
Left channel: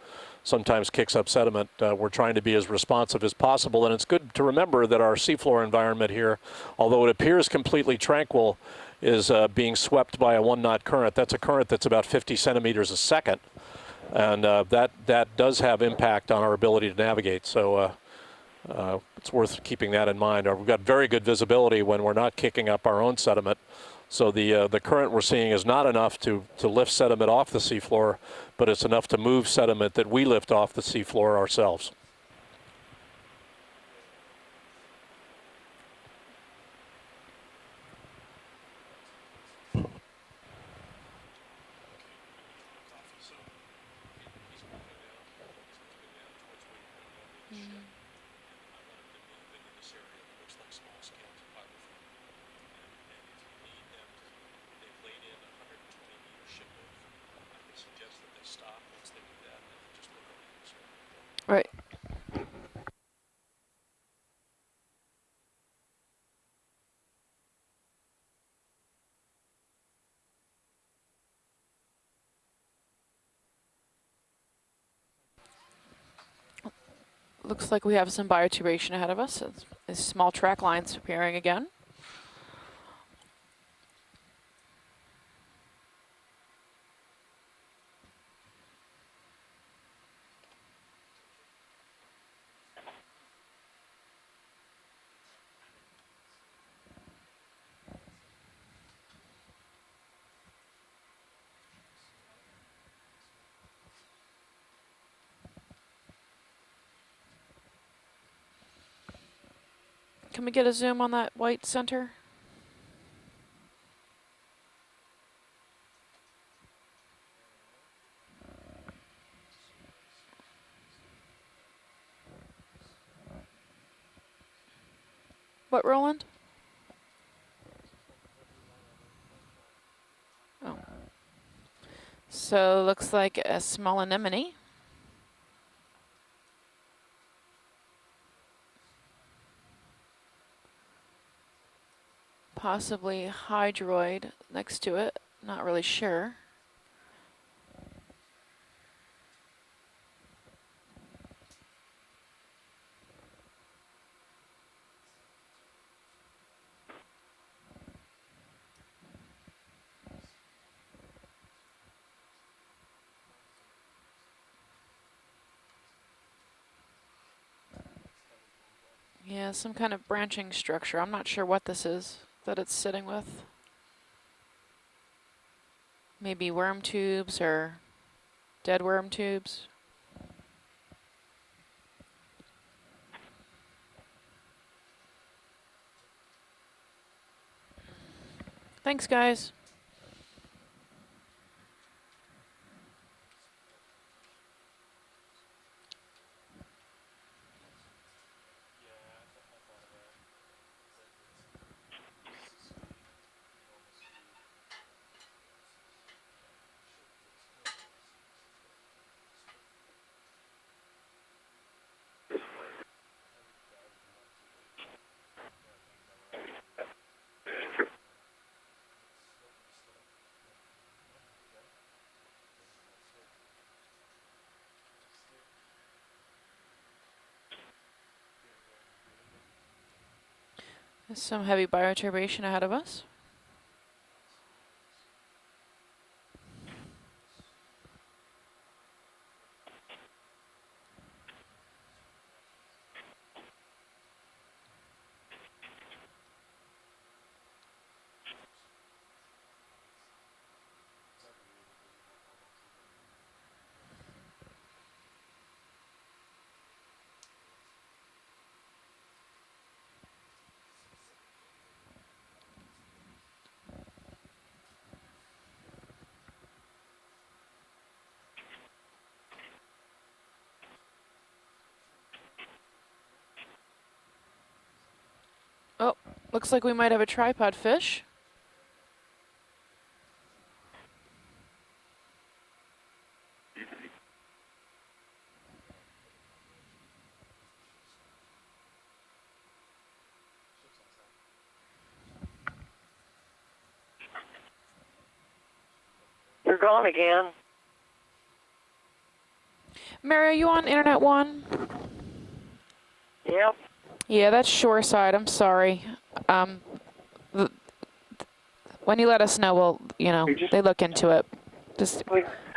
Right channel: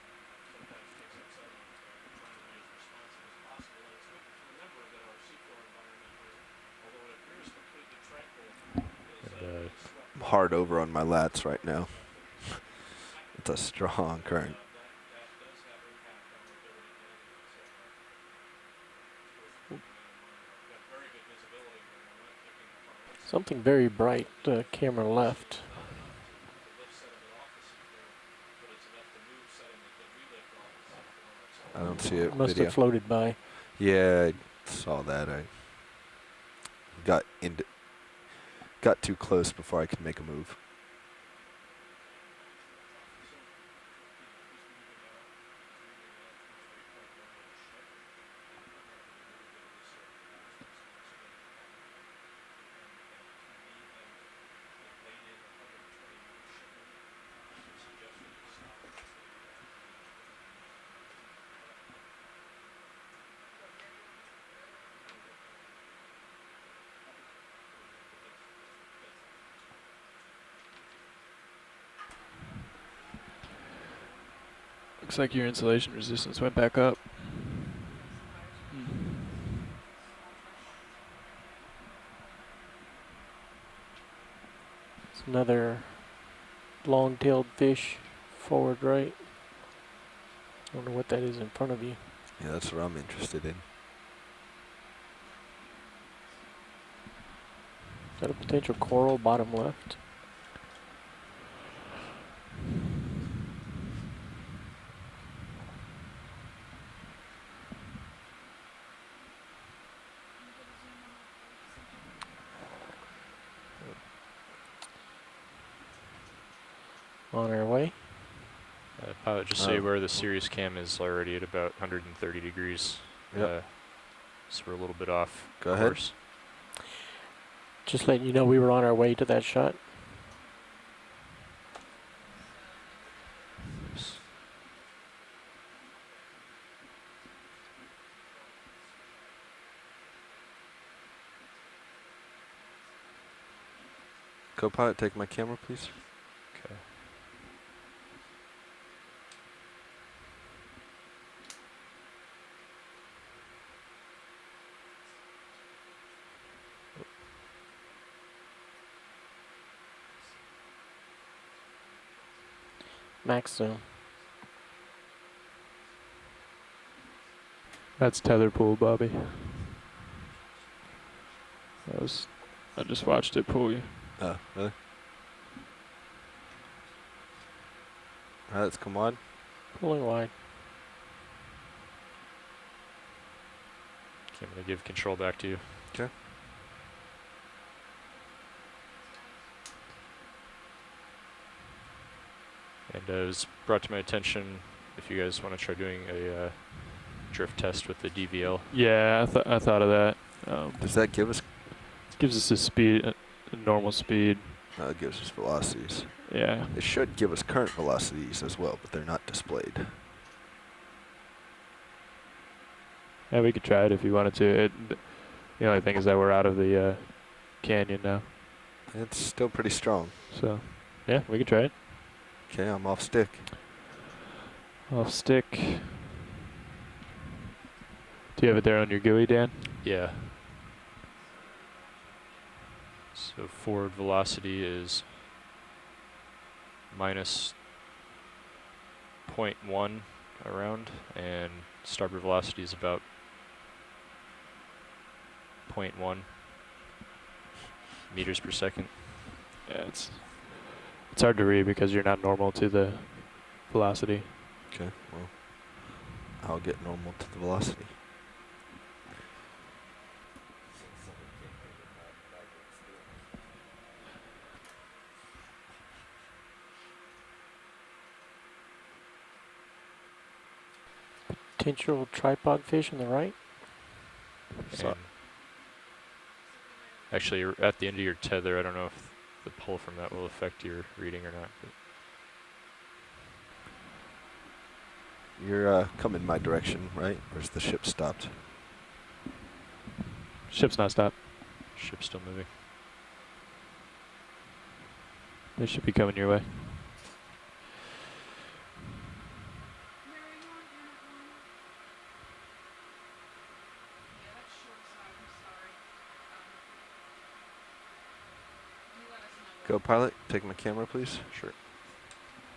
sometimes kicks up sediment. We're trying to be as responsive as possible, and it's good to remember that our seafloor environment here, although it appears completely tranquil, is being swept by a Hard one-knot over on current. my That's a lats current right that's now. about 50 centimeters a second, That's a strong and current. that does have impact on our ability to navigate. So it's worth keeping that in mind. We've got very good visibility when we're not kicking up our own sediment. Something very bright. So the camera current we're left. seeing is not enough to lift sediment off the seafloor, but it's enough to move sediment that we lift off the seafloor I ourselves. don't see it. Must Video. have floated by. Yeah, I saw that. I got too close before I could make a move. Right. Looks like your insulation resistance went back up. Looks like we have some bioturbation ahead of us. It's small track lines appearing again. It's another long-tailed fish forward right. I don't know what that is in front of you. Yeah, that's what I'm interested in. Is that a potential coral bottom left? Can we get a zoom on that white center? On our way. Pilot, just say where the Sirius cam is already at about 130 degrees. Yep. So we're a little bit off. Go What, ahead. Roland? Just letting you know we were on our way to that shot. Oh. So looks like a small anemone. Possibly hydroid next to Co-pilot, it. take my camera, Not really please. sure. Okay. Max zoom. That's tether pool, Bobby. Yeah, some kind of branching structure. I'm not sure what this is that it's I sitting just watched it pull you. Oh, really? Maybe worm tubes or That's dead come worm on. tubes. Pulling wide. Okay, I'm going to give control back to you. Okay. Thanks, guys. And it was brought to my attention if you guys want to try doing a drift test with the DVL. Yeah, I thought of that. Does that give us? Gives us a speed, a normal speed. It gives us velocities. Yeah. It should give us current velocities as well, but they're not displayed. Yeah, we could try it if you wanted to. The only thing is that we're out of the canyon now. It's still pretty strong. So, yeah, we could try it. Okay, I'm off stick. Off stick. Do you have it there on your GUI, Dan? Yeah. There's some heavy bioturbation ahead of us. So forward velocity is minus 0.1 around, and starboard velocity is about 0.1 meters per second. Yeah, it's hard to read because you're not normal to the velocity. Okay, well, I'll get normal to the velocity. Potential tripod fish on the right. So- And Looks like we might have a actually, tripod at the end fish. of your tether, I don't know if the pull from that will affect your reading or not. But You're coming my direction, right? Where's the ship stopped? Ship's not stopped. ship's still moving. They should be coming your way. You're gone again. Mary, are you on Internet 1? Yep. Yeah, that's shoreside. I'm sorry. When you let us know, we'll, Co-pilot, you know, take they the look camera, into please. it. Sure. Just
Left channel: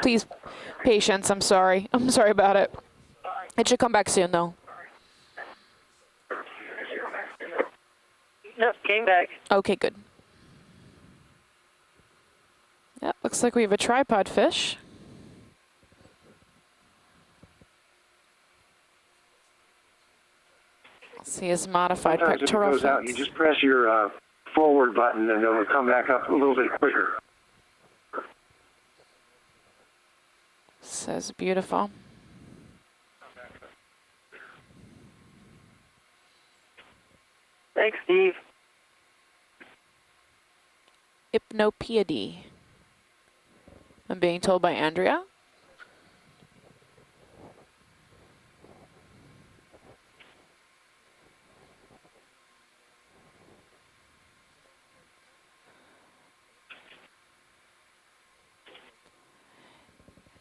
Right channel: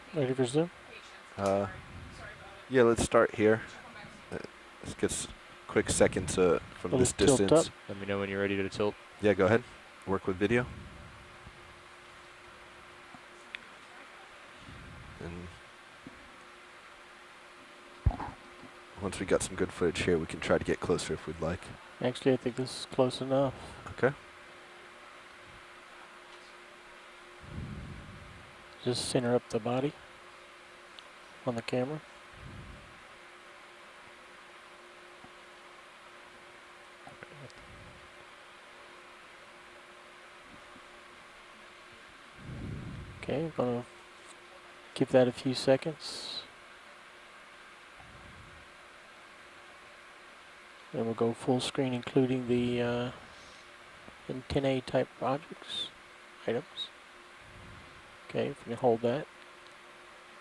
please, Ready for zoom? patience. I'm sorry. I'm sorry about it. Yeah, let's start here. It should come back soon, though. Let's get quick seconds from this Tilt distance. up. Let me know when you're ready to Yep, tilt. came back. Yeah, go ahead. Okay, good. Work with video. Yeah, looks like we have a tripod fish. And once we got some good footage here, we can try to get closer if we'd See like. his modified Sometimes if it pectoral goes out, fin. you just press your Okay. forward button and it'll come back up a little bit quicker. Just center up the body. Says on the beautiful. camera. Thanks, Steve. Hypnopeody. Okay, gonna I'm being told by give Andrea. that a few seconds. Then we'll go full screen, including the antennae type objects, items. Okay, if you hold that.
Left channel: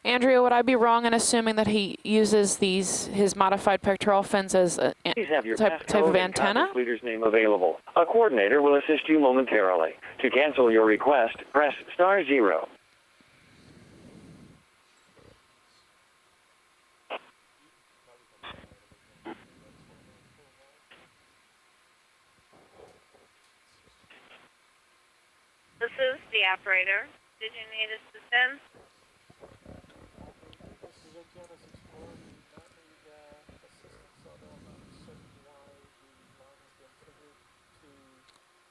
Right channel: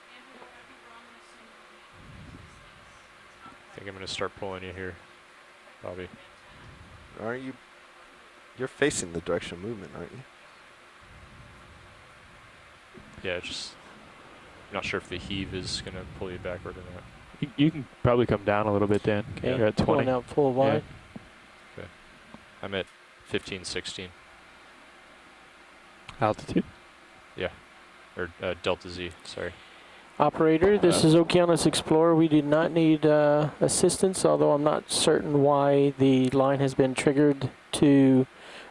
Andrea, would I be wrong in assuming that he uses his modified I'm gonna pectoral start fins pulling as here. a Please have your type passport of and antenna? contact leader's name available. A coordinator will You're assist facing you the person, momentarily. aren't you? To cancel your request, press *0. Yeah, just not sure if the heave is gonna pull you backward or not. You can probably come down a little bit, Dan. Okay, You're at 20. pulling out full wide. I'm at 15, 16, This is Altitude. the operator. Yeah. Did you need or assistance? Delta Z. Sorry. Operator, this is Okeanos Explorer. We did not need assistance, although I'm not certain why the line has been triggered to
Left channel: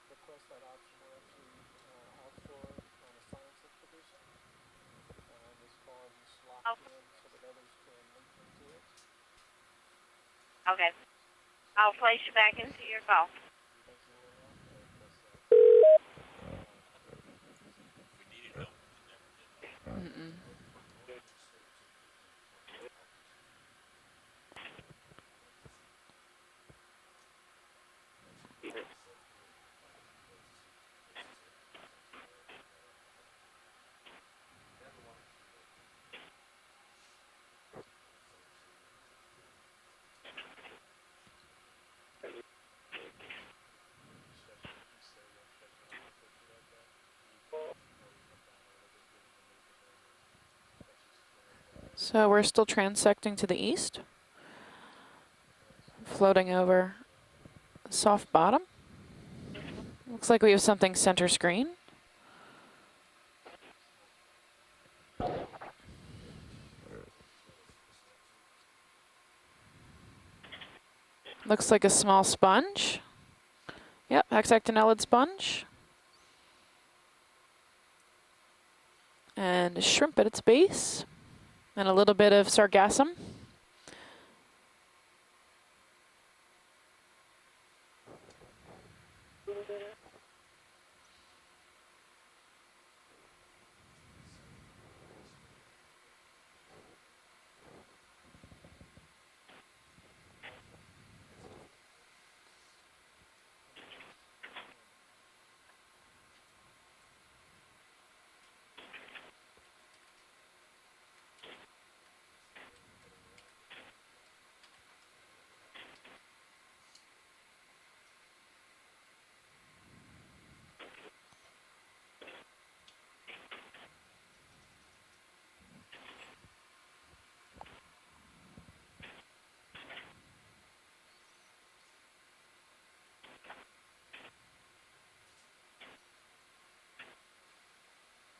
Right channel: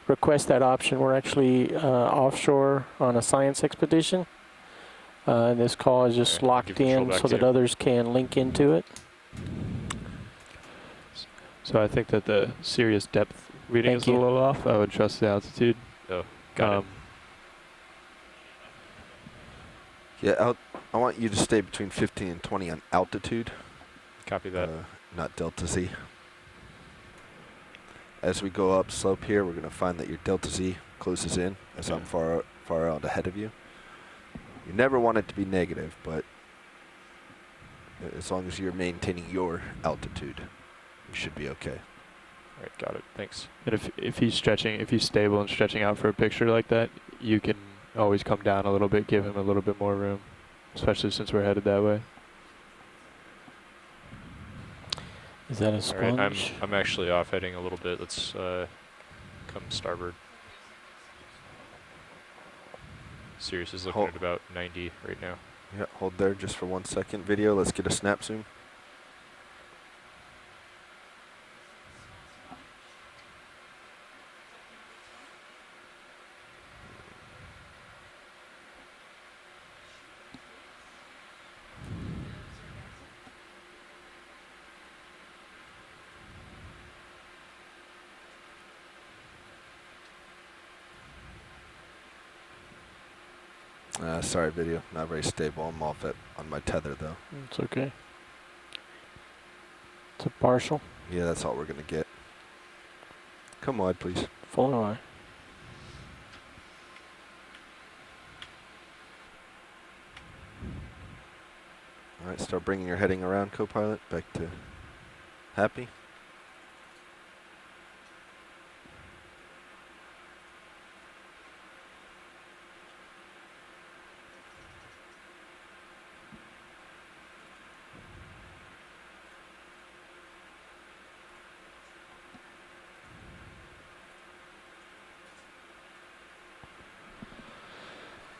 request that option. We're actually offshore on a science expedition. And this call is just Okay, locked give control in back so to that you. others can link into it. Okay. So I I'll think place that you the back into Sirius your call. depth reading Thank is you. a little off. I would trust the altitude. Oh, got it. Yeah, I want you to stay between 15 and 20 on altitude, Copy that. not delta Z. As we go up slope here, we're going to find that your delta Z closes in as I'm far out ahead of you. You never want it to be negative, but as long as you're maintaining your altitude, you should be okay. All right, got it. Thanks. And if he's stretching, if he's stable and stretching out for a picture like that, you can always come down a little bit, give him a little bit more room, especially since we're headed that way. So we're still transecting to the east. Is that a All right, splunk? Floating I'm over. actually off heading a little bit. Soft Let's bottom? come starboard. Looks like we have something center screen. Sirius is looking Hold. at about 90 right now. Yeah, hold there just for 1 second. Video, let's get a snap zoom. Looks like a small sponge. Yep, hexactinellid sponge. And a shrimp at its base. And a little bit of sargassum. Sorry, video, not very stable. I'm off on my tether though. It's okay. It's a partial. Yeah, that's all we're gonna get. Come wide, please. Full eye. All right, start bringing your heading around, co-pilot. Back to happy.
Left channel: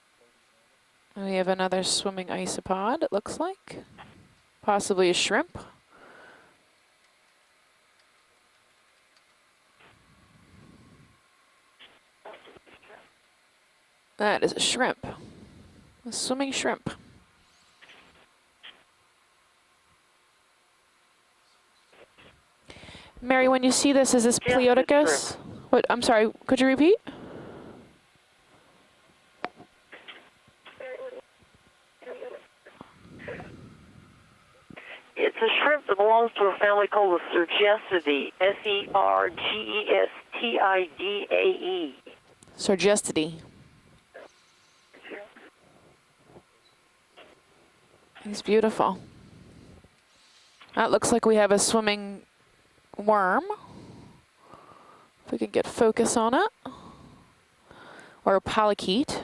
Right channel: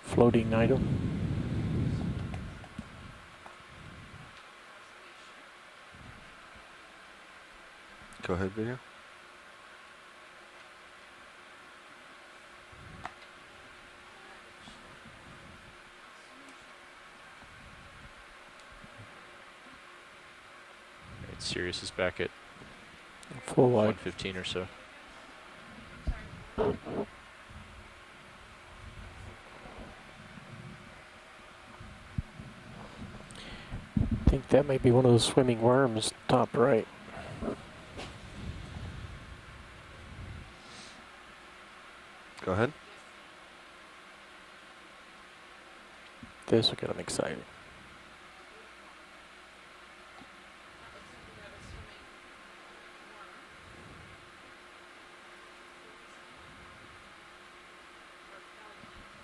Floating item. We have another swimming isopod, it looks like. Possibly a shrimp. Go ahead, video. That is a shrimp. A swimming shrimp. All right, Sirius is back at Mary, when you Full see eye this, is this 15 or so. Pleodicus? What, I'm sorry, could you repeat? I think that may be one of those It's a swimming shrimp that worms. belongs to a Top family right. called the Sergestidae. S-E-R-G-E-S-T-I-D-A-E. Go ahead. Sargestidae. This will get them excited. He's beautiful. That looks like we have a swimming worm. If we can get focus on it. Or a polychaete.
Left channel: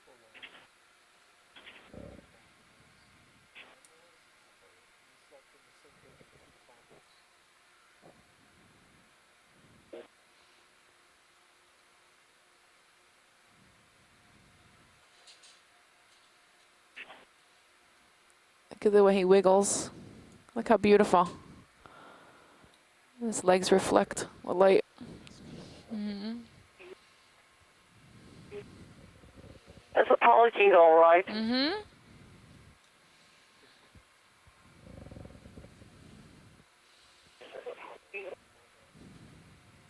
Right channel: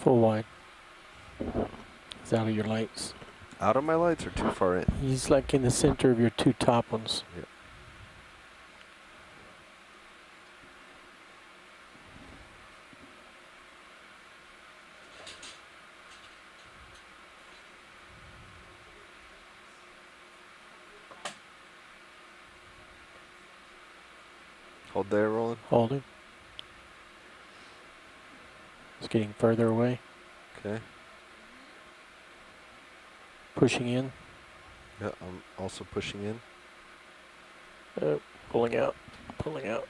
Full wide. He's out of your lights. Out of my lights or too far in? He's like in the center of your two top ones. Yep. Look at the way he wiggles. Look how beautiful. His legs reflect the light. Hold there, Roland. Holding. It's getting further away. That's a polychaete, all right. Pushing in. Yeah, I'm also pushing in. Pulling out. Pulling out.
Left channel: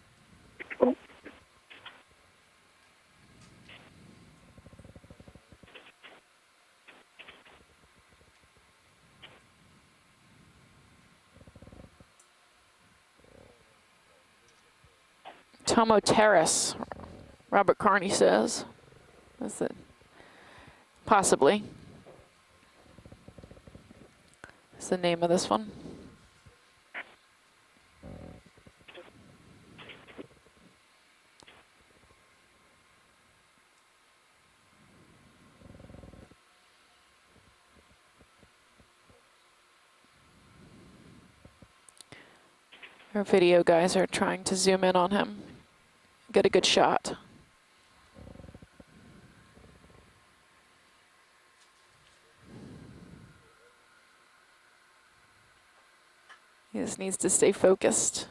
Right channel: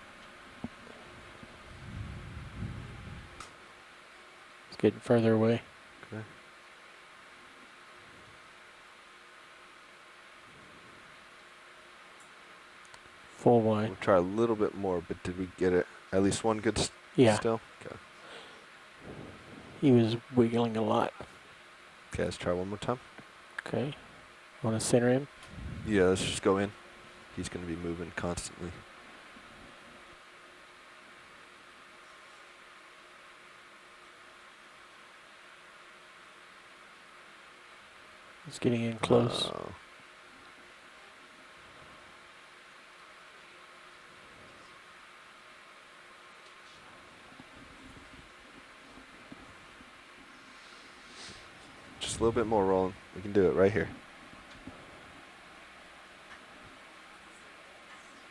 It's getting further away. Okay. Full wide. We'll try a little bit more, but did we get Tomo at least Terrace. one good Yeah. still? Robert Carney says. That's it. He was wiggling a lot. Possibly. Okay, let's try one more time. Okay. Want to That's the center name him? of this one. Yeah, let's just go in. He's going to be moving constantly. It's getting in close. Our video guys are trying to zoom in on him. Get a good shot. Just a little bit more, Roland. We can do it right here. He just needs to stay focused.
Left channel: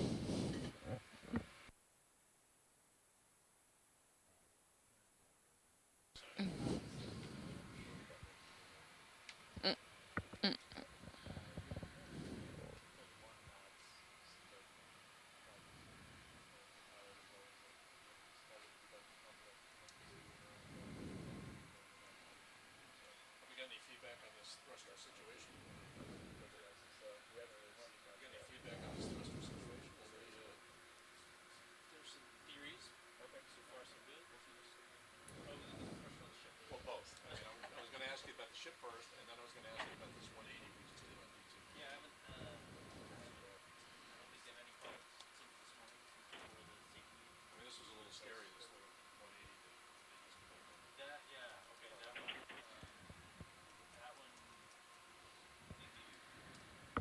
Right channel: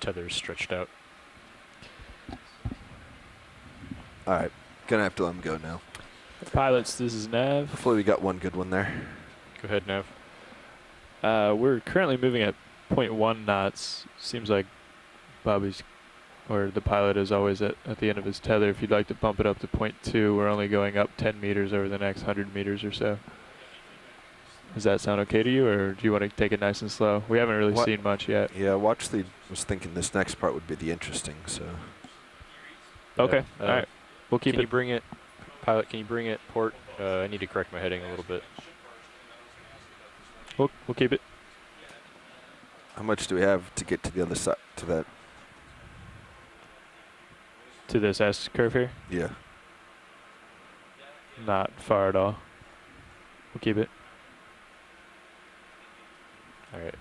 Tether's stretched out. All right, gonna have to let him go now. Pilots, this is Nav. Hopefully we got one good one there. Go ahead, Nav. We're currently moving at 0.1 knots. Seems like Bobby's, or the pilot is always at the end of his tether. If you'd like to bump it up to 0.2, we're only going up 10 meters over the next 100 meters or so. Does that sound okay to you, or do you want to take it nice and slow? We haven't really seen much yet. Yeah, watch the. Was thinking this next part would be the interesting. So. Okay. All right. We'll keep Can it. you bring it, pilot? Can you bring it port? I need to correct my heading a little bit. We'll keep it. How much do we have to get to the other side? To that. To this S curve here? Yeah. Not far at all. We'll keep it. All right.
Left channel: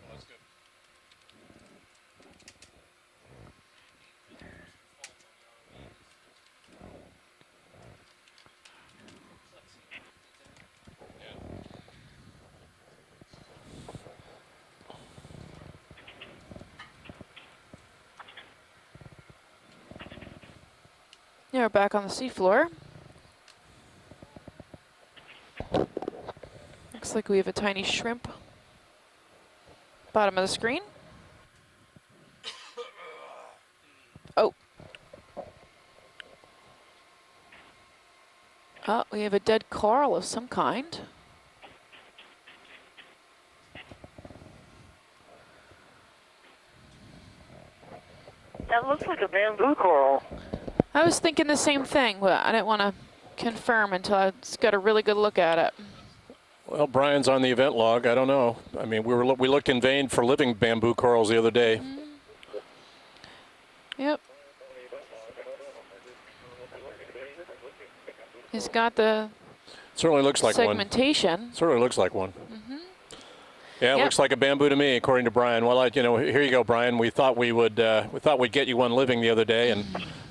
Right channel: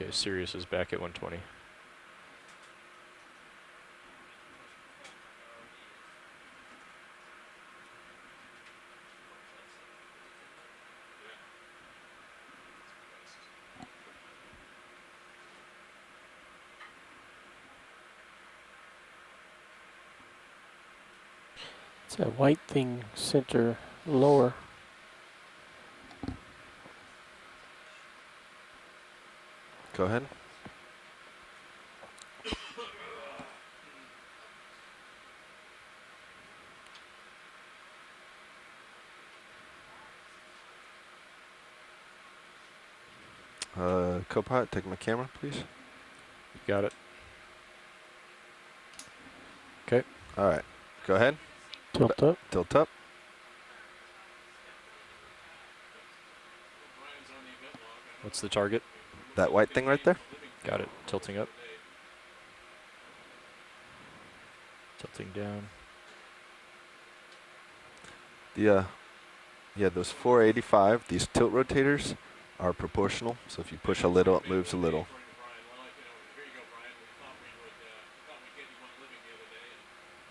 Okay, Sirius is back at 120. Yeah, we're back on the That seafloor. white thing center lower. Looks like we have a tiny shrimp. Go ahead. Bottom of the screen. Oh. Oh, we have a dead coral of some kind. Co-pilot, take my camera, please. Got it. That looks like a bamboo coral. All right. I was Go ahead. thinking the same thing, Tilt but up, I didn't tilt want to confirm until I got a really good look at it. Well, Brian's on the event log. I don't What's the know. target? I mean, we That looked white in thing right vain there? for living bamboo corals the other day. Yep, Tilting down. he's Yeah. got the Yeah, those Certainly looks like one. 485, these segmentation. tilt Sort of looks rotators like one. are proportional. So if you Yeah, push it a looks like a little, it bamboo moves to me, little. according to Brian. Well, here you go, Brian. We thought we'd get you one living the other day, and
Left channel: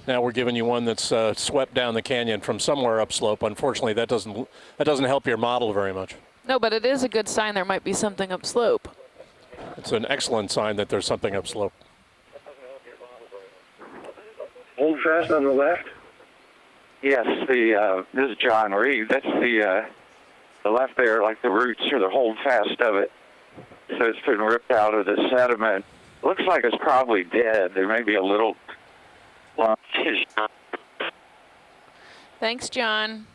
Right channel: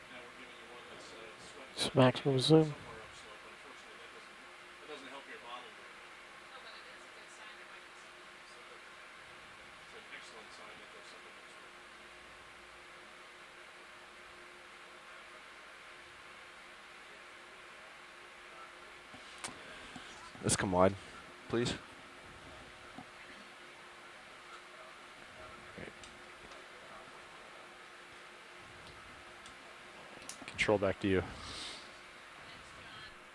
now we're giving you one that's swept down the Smack canyon loose from in. somewhere upslope. Unfortunately, that doesn't help your model very much. no, but it is a good sign there might be something upslope. It's an excellent sign that there's something upslope. Hold fast on the left. Yes, this is John Reed. That's the Let's come left there, like the roots or the hold fast of it. So it's been ripped out of the sediment looks like it's probably dead. There may be a little lump. Control back to you. Thanks, John.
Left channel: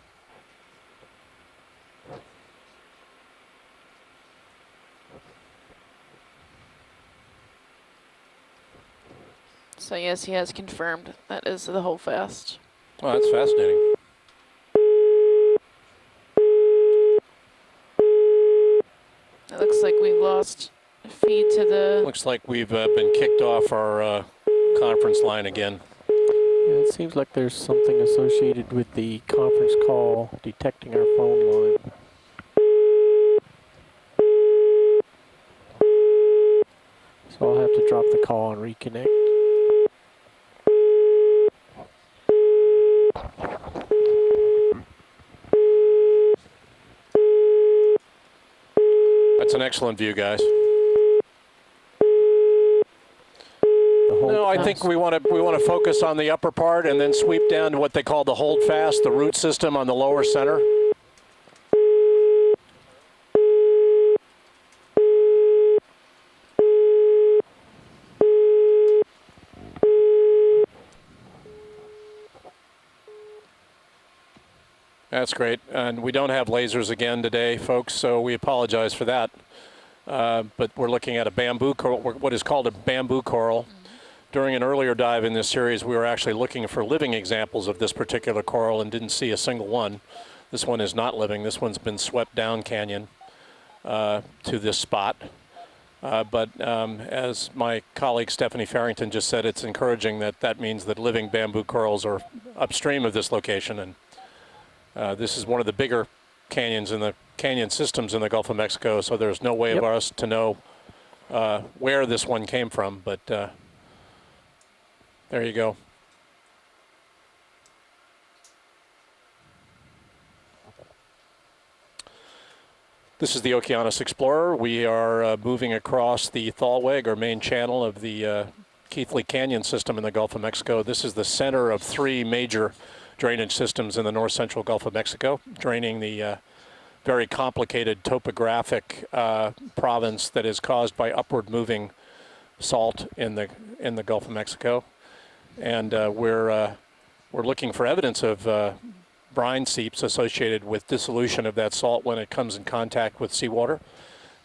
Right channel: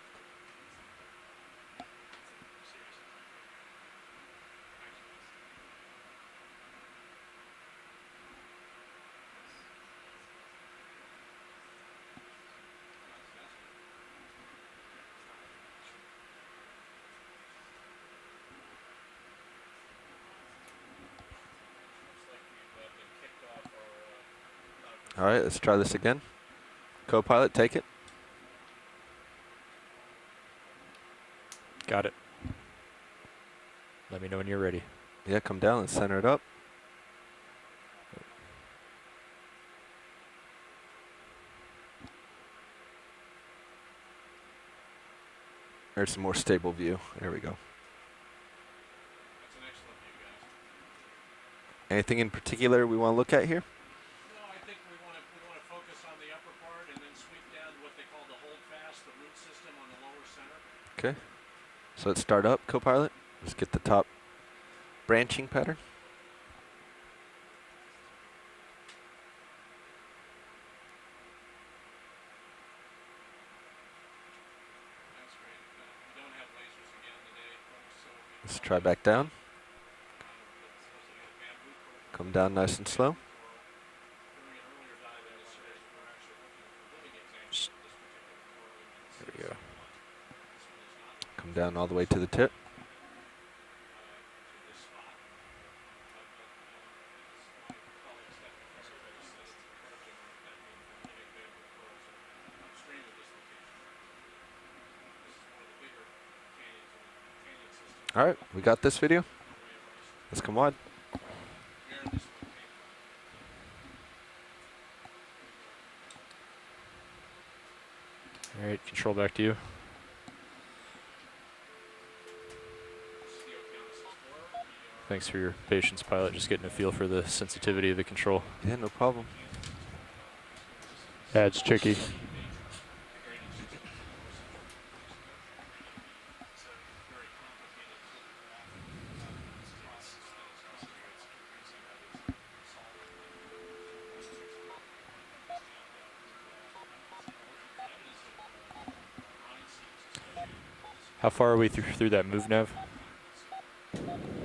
So yes, he has confirmed that is the whole fast. Oh, that's fascinating. It looks like we lost a feed to the... Looks like we've been kicked off our conference line let's again. try this again. Yeah, it seems like Co-pilot, there's take it. something associated with the conference call detecting our phone line. Got it. Let me know when you're ready. Yeah, come down and center it up. So I'll have to drop the call and reconnect. There's a more stable view. There we go. That's an excellent view, guys. Anything in particular we want to look at here? No, I think we want to focus on the upper part and then sweep down to what they call the hold fast, the root system on the lower center. Okay. So let's start up, co-pilot. Let's get the top branching pattern. That's great. And we don't have lasers again today, folks, so we apologize for that. But we're looking at a bamboo coral, what is called a bamboo coral. During an earlier dive in this series, we were actually looking for living examples of this particular coral and didn't see a single one. This one is not living. This one's been swept down canyon to this spot. But as my colleague Stephanie Farrington just said, it's encouraging that means that living bamboo corals are upstream of this location. And this is one of the bigger canyons in the canyon systems in the Gulf of Mexico, so there's no way of us to know where this one came from, but there you go. All right, control back to you. This is the Okeanos Explorer. We are moving across the Thalweg, or main channel of the Keathley Canyon system in the Gulf of Mexico. This is the center of three major drainage systems in the north central Gulf of Mexico, draining the very complicated topographic province that is caused by upward moving salt in the Gulf of Mexico. And we're looking for evidence of brine seeps associated with dissolution of that salt when it comes in contact with seawater.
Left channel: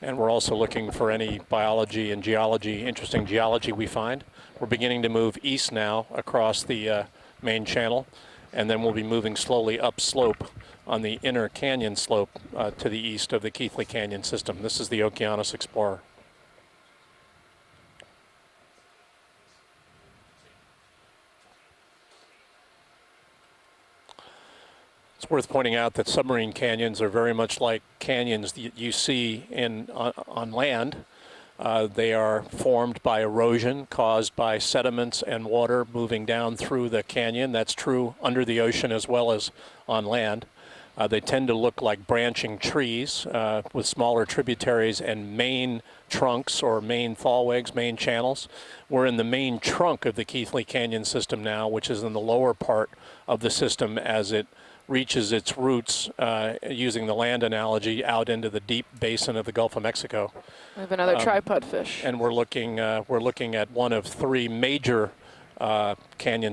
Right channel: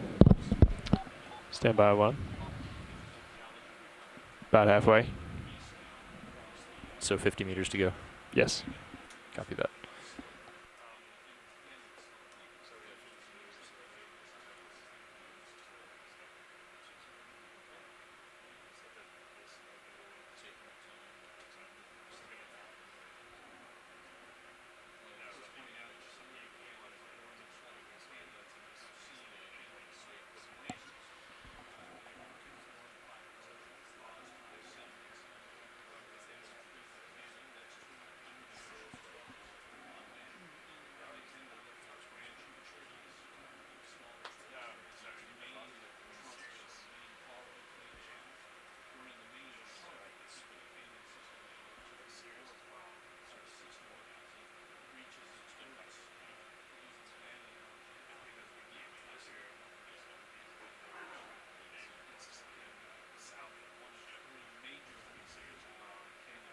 And we're also looking for any biology and geology, interesting geology we find. We're beginning to move east now across the main channel. Yes. And then we'll be moving slowly upslope on the inner canyon slope to the east of the Keathley Canyon system. This is the Okeanos Explorer. It's worth pointing out that submarine canyons are very much like canyons that you see on land. They are formed by erosion caused by sediments and water moving down through the canyon. That's true under the ocean as well as on land. They tend to look like branching trees with smaller tributaries and main trunks or main thalwegs, main channels. We're in the main trunk of the Keathley Canyon system now, which is in the lower part of the system as it reaches its roots, using the land analogy, out into the deep basin of the Gulf of Mexico. We have another tripod fish. And we're looking at one of three major canyon